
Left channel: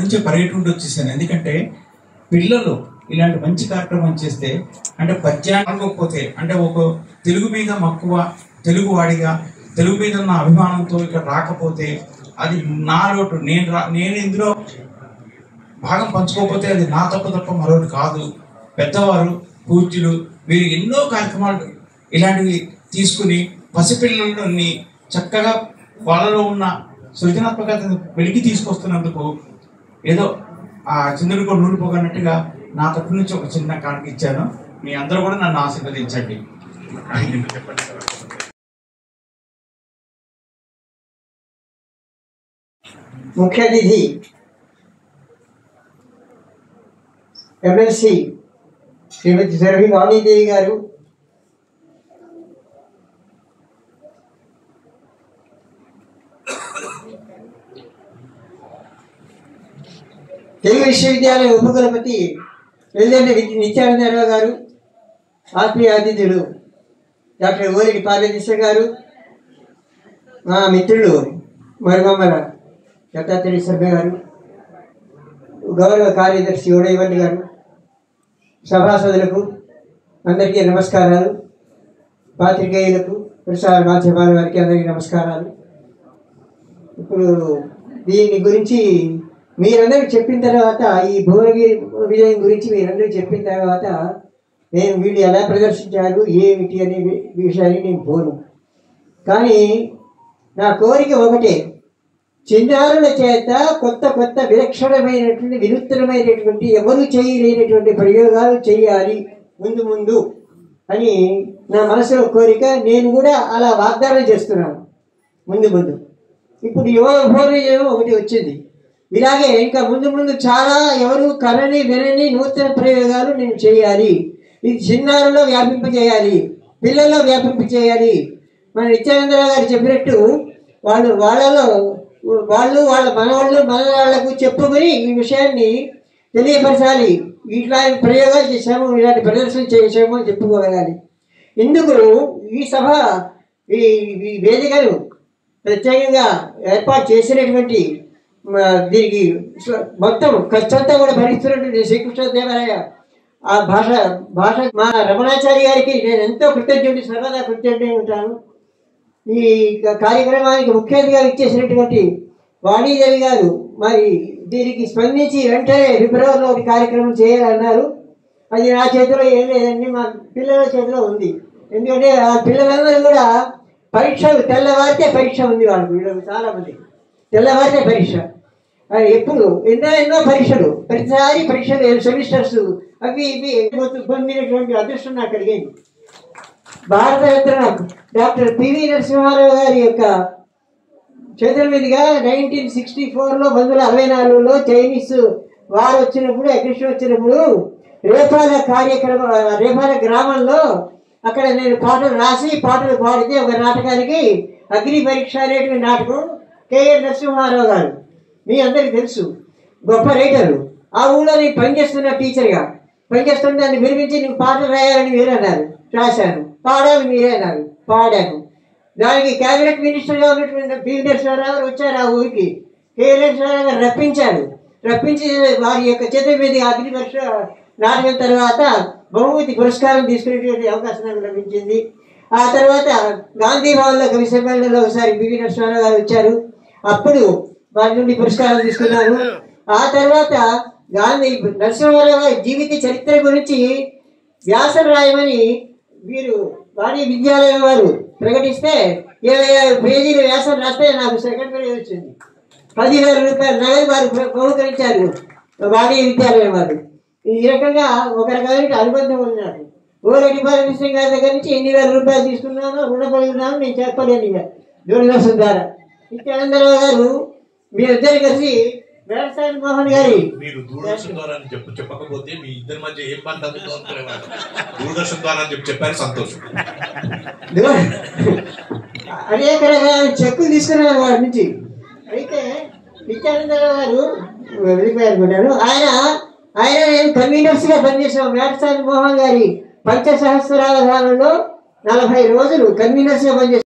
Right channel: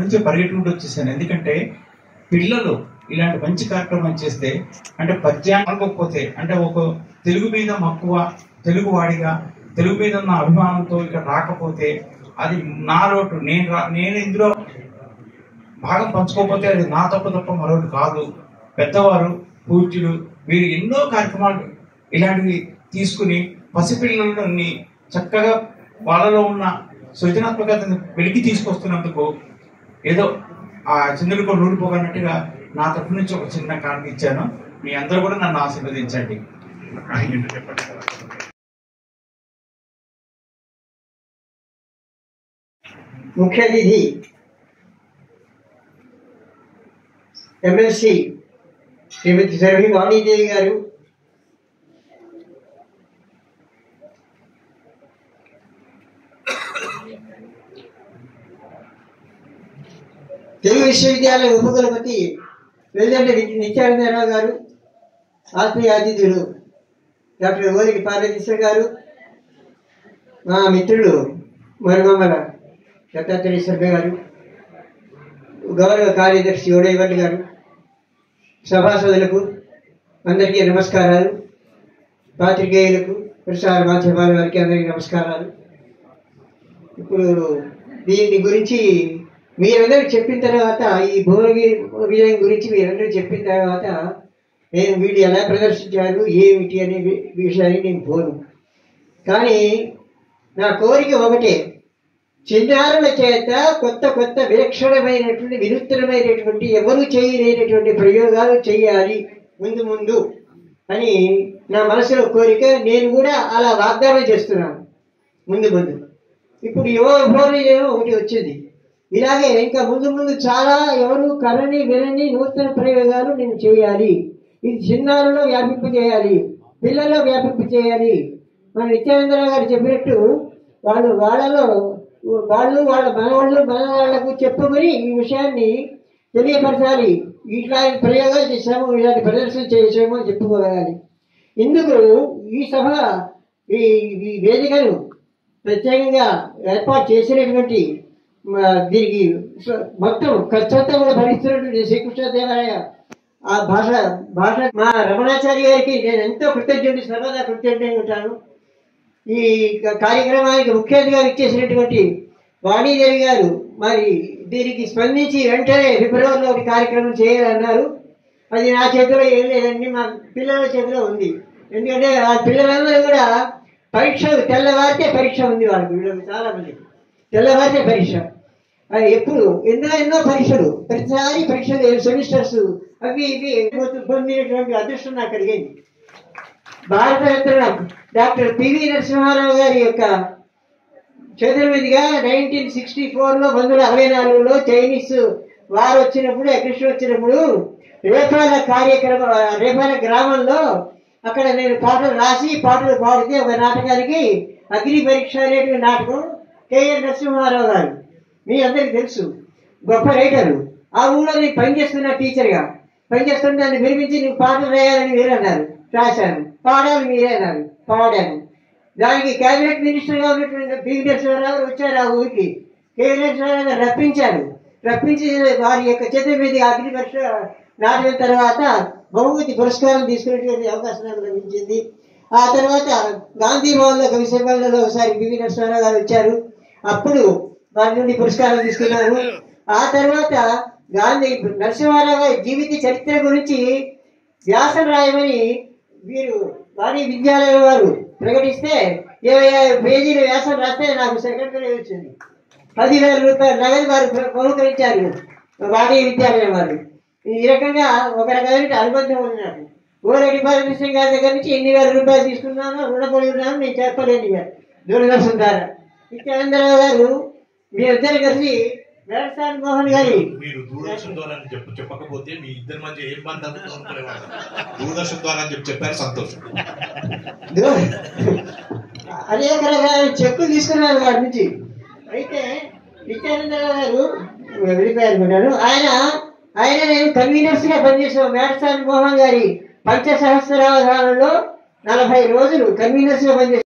నుంచి పర్యటనకు వచ్చేసాను. ఎందుకంటే పిల్లలు ఇలాంటి మంచి కార్యక్రమం చేస్తే, అంటే పద్యాన్ని అనుకోకపోతే, అంటే ఒక తెలుగు మీద మక్కువ, తెలుగు వాడిగా తెలుగు మీద ఉన్న అభిమానంతో ఇక్కడ రాకపోతే అది నా లోటు. నేను ఇందులో భాగం పంచుకోకపోతే అది నా తప్ప మరొకటి కాదు. పెద్దవారు, పూజ్యులు, మీరు ఎన్నో కార్యక్రమాలు ఇలాంటివి తీసుకుని పసిపిల్లలని చక్కగా వాళ్ళలో ఉన్న సృజనాత్మకతను వెలికి తీసుకొస్తున్నందుకు ఏదో ఆ చంద్రుడికి నూడిపోగన్నట్టుగా నా తరపు నుంచి ఒక చిన్న కారణం ఇచ్చాను. మీ అందరూ కూడా నన్ను ఆశీర్వదించండి. ముఖ్య అతిథి ఎమ్మెల్సీ శ్రీమతి సురభి వాణీదేవి గారు, తెలుగు విశ్వవిద్యాలయ ఉపకులపతి వెల్లండి నిత్యానందరావు గారు, ఆత్మీయ అతిథులు డాక్టర్ ఓలిడి పార్వతీశ్వర గారు, మా మిత్రులు మరిమమ్మల దత్తాత్రేయ శర్మ గారు, గౌరవ కార్యదర్శి ఉడయవల్లి గారు, సభాసదులకు అందరికీ నమస్కారాలు. పాత్రికేయులకు, ప్రసార మాధ్యమాల వారికి అందరికీ నమస్కారాలు. ఇప్పుడు దీని గురించి మీరందరూ చెప్పిన తర్వాత, ఈ భువనగిరి విజయం గురించి మీరందరూ చెప్పిన తర్వాత నేను వీళ్ళు ఎలా ప్రదర్శించారు ఏమిటి అనే విషయాన్ని నేను పోను. కానీ నా కోరిక ఒకటే, చిన్నారుల చేత కొత్త కొత్త విలక్షణమైనటువంటి వినూత్నమైనటువంటి ఎవరు చేయలేనటువంటి ప్రయోగాలు చేయాలి ముందు ముందు అని నా మనసులో కోరిక. నేను కూడా అలా వాగ్దానం చేస్తున్నాను ముందు ముందు. ఇప్పుడు యువ భోజనం ఒకటి వచ్చింది. ఇలాగే ఇంకా ముందు ముందు చాలా ఎవరు కనని వినని నూతన ప్రయోగాలు నేను చేయాలి. ఇది చిన్నారులో వ్యాపింపజేయాలి, పిల్లల్లో వ్యాపింపజేయాలి. మన నిత్యానందరావు గారు చెప్పినట్టు వాళ్ళు వాళ్ళ మనవాళ్ళకు చెప్పుకొని ఈ విషయాన్ని తెలియపరచాలి. ఇట్లాంటి ప్రయోగాలు చేశాము, ఇలాంటి ప్రదర్శనలు చేసాము అని చెప్పుకోగలగాలి. ఇందుకు ఈ సభ ఈ వేదికను ప్రత్యేకంగా ఏర్పాటు చేసినటువంటి దీనికి మొత్తం ఖర్చంతా కూడా భరిస్తున్నటువంటి శ్రీకృష్ణదేవరాయ ఆ భాష మా రమణాచారి గారికి నేను ఎంతో కృతజ్ఞుడి, సర్వదా కృతజ్ఞుడి ఉంటాను. ఈ కార్యక్రమానికి ముఖ్య అతిథిగా ఇచ్చేసినటువంటి వాణీదేవి గారు మరి దీనికి స్పందించి వెంటనే ఫిబ్రవరిలో ఒక కార్యక్రమం చేయాలన్నారు. అది నా చేతిలో ఏం లేదండి, మా పిల్లల చేతిలో ఉంది. ఎందుకంటే ఆ పిల్లలందరూ కూడా పరీక్షలు తెల్లవారితే పరీక్ష ఉంది వాళ్ళకు, వీళ్ళకి చాలామంది తెల్లవారితే పరీక్ష. ఎప్పుడు ఎన్నో పరీక్షలు, ప్రతిసారి పరీక్షలు, సెమిస్టర్స్ అవి ఇవి పొందినటువంటి అదృష్టం నాకు కలిగింది. భారతరత్న డాక్టర్ పివి నరసింహారావు గారి యొక్క చేతుల మీదుగా 1964లో 1964లో చైనీస్ వారు వచ్చినప్పుడు, అగ్రెషన్ వచ్చినప్పుడు రేపాల గ్రామంలో అక్కడ నేను పాటలు రాసి పాటలు పాడితే ఒక నాటకానికి అగ్ని పరీక్ష అనేటువంటి నాటకం కేఎన్ నరసింహారావు గారు మీ అందరికీ తెలుసు, గొప్ప రైటరు. ఆ ఊళ్ళో నేను పనిచేస్తున్న టీచర్గా పనిచేస్తున్న దాన్ని వినిపించి నువ్వు పాటలు రాయాలని మీరన్నారు, రాశాను. పాడాలని మీరన్నారు, పాడాను. దానికి కేబినెట్ మినిస్టర్గా ఉన్నటువంటి పివి నరసింహారావు వచ్చారు ఆ ఊరికి. కేఎన్ నరసింహారావు గారు రప్పించి వారి యొక్క చేతుల మీద అగ్ని పరీక్ష నాటకం తర్వాత బహుమతి పురస్కారం తీసుకునేటువంటి అవకాశం నాకు లభించింది. ఆ తర్వాత గాంధీ భవన్లో కవి సమ్మేళనంలో ఒకసారి పివి నరసింహారావు గారు వచ్చారు, అప్పుడు వారి నుండి పురస్కారం తీసుకున్నాను. ఆ తర్వాత నరసింహారావు గారి జీవిత చరిత్ర గురించి వ్యాసం రాయమని వీరు వాణి విద్యాలయం వారు ప్రకటిస్తే 25 పేజీల వ్యాసం రాస్తే నాకు సెకండ్ ప్రైజ్ వచ్చింది. 10,000 రూపాయలు నగదు వారు బహుకరించారు వాణి విద్యాలయం వారు. ఈ రకంగా ఒక రకమైన అనుబంధం ఉంది నాకు. ఓరెడ్డి బాలకృష్ణ గారి దగ్గర నుంచి ఎన్ని వేల రూపాయలు తీసుకున్నానో రుణపడి ఉన్నాను నేను చెప్పలేను. ఇక దూరదర్శన్ ద్వారా నిత్యానందరావు గారు మీరిద్దరు కలిసి వేడసాని మోహన్ గారి మీరు దూరదర్శన్ ద్వారా చెప్పకపోతే మీ ఇద్దరి మధ్య ఏం బంధం అనుకునేవాడు. దూరదర్శన్ ద్వారా అని చెప్పారు, సంతోషం. అనేక రకాల చెక్కులు తీసుకున్నారు వాడి నుంచి. అయితే నిత్యానందరావు గారు వెళ్ళిపోయారు. ఆయన నేను కన్వీనర్స్ గా పనిచేసాను. వేడసాని మోహన్ గారి పంచసహస్రావధానంలో 40 రోజులు కన్వీనర్స్ గా పనిచేశాను.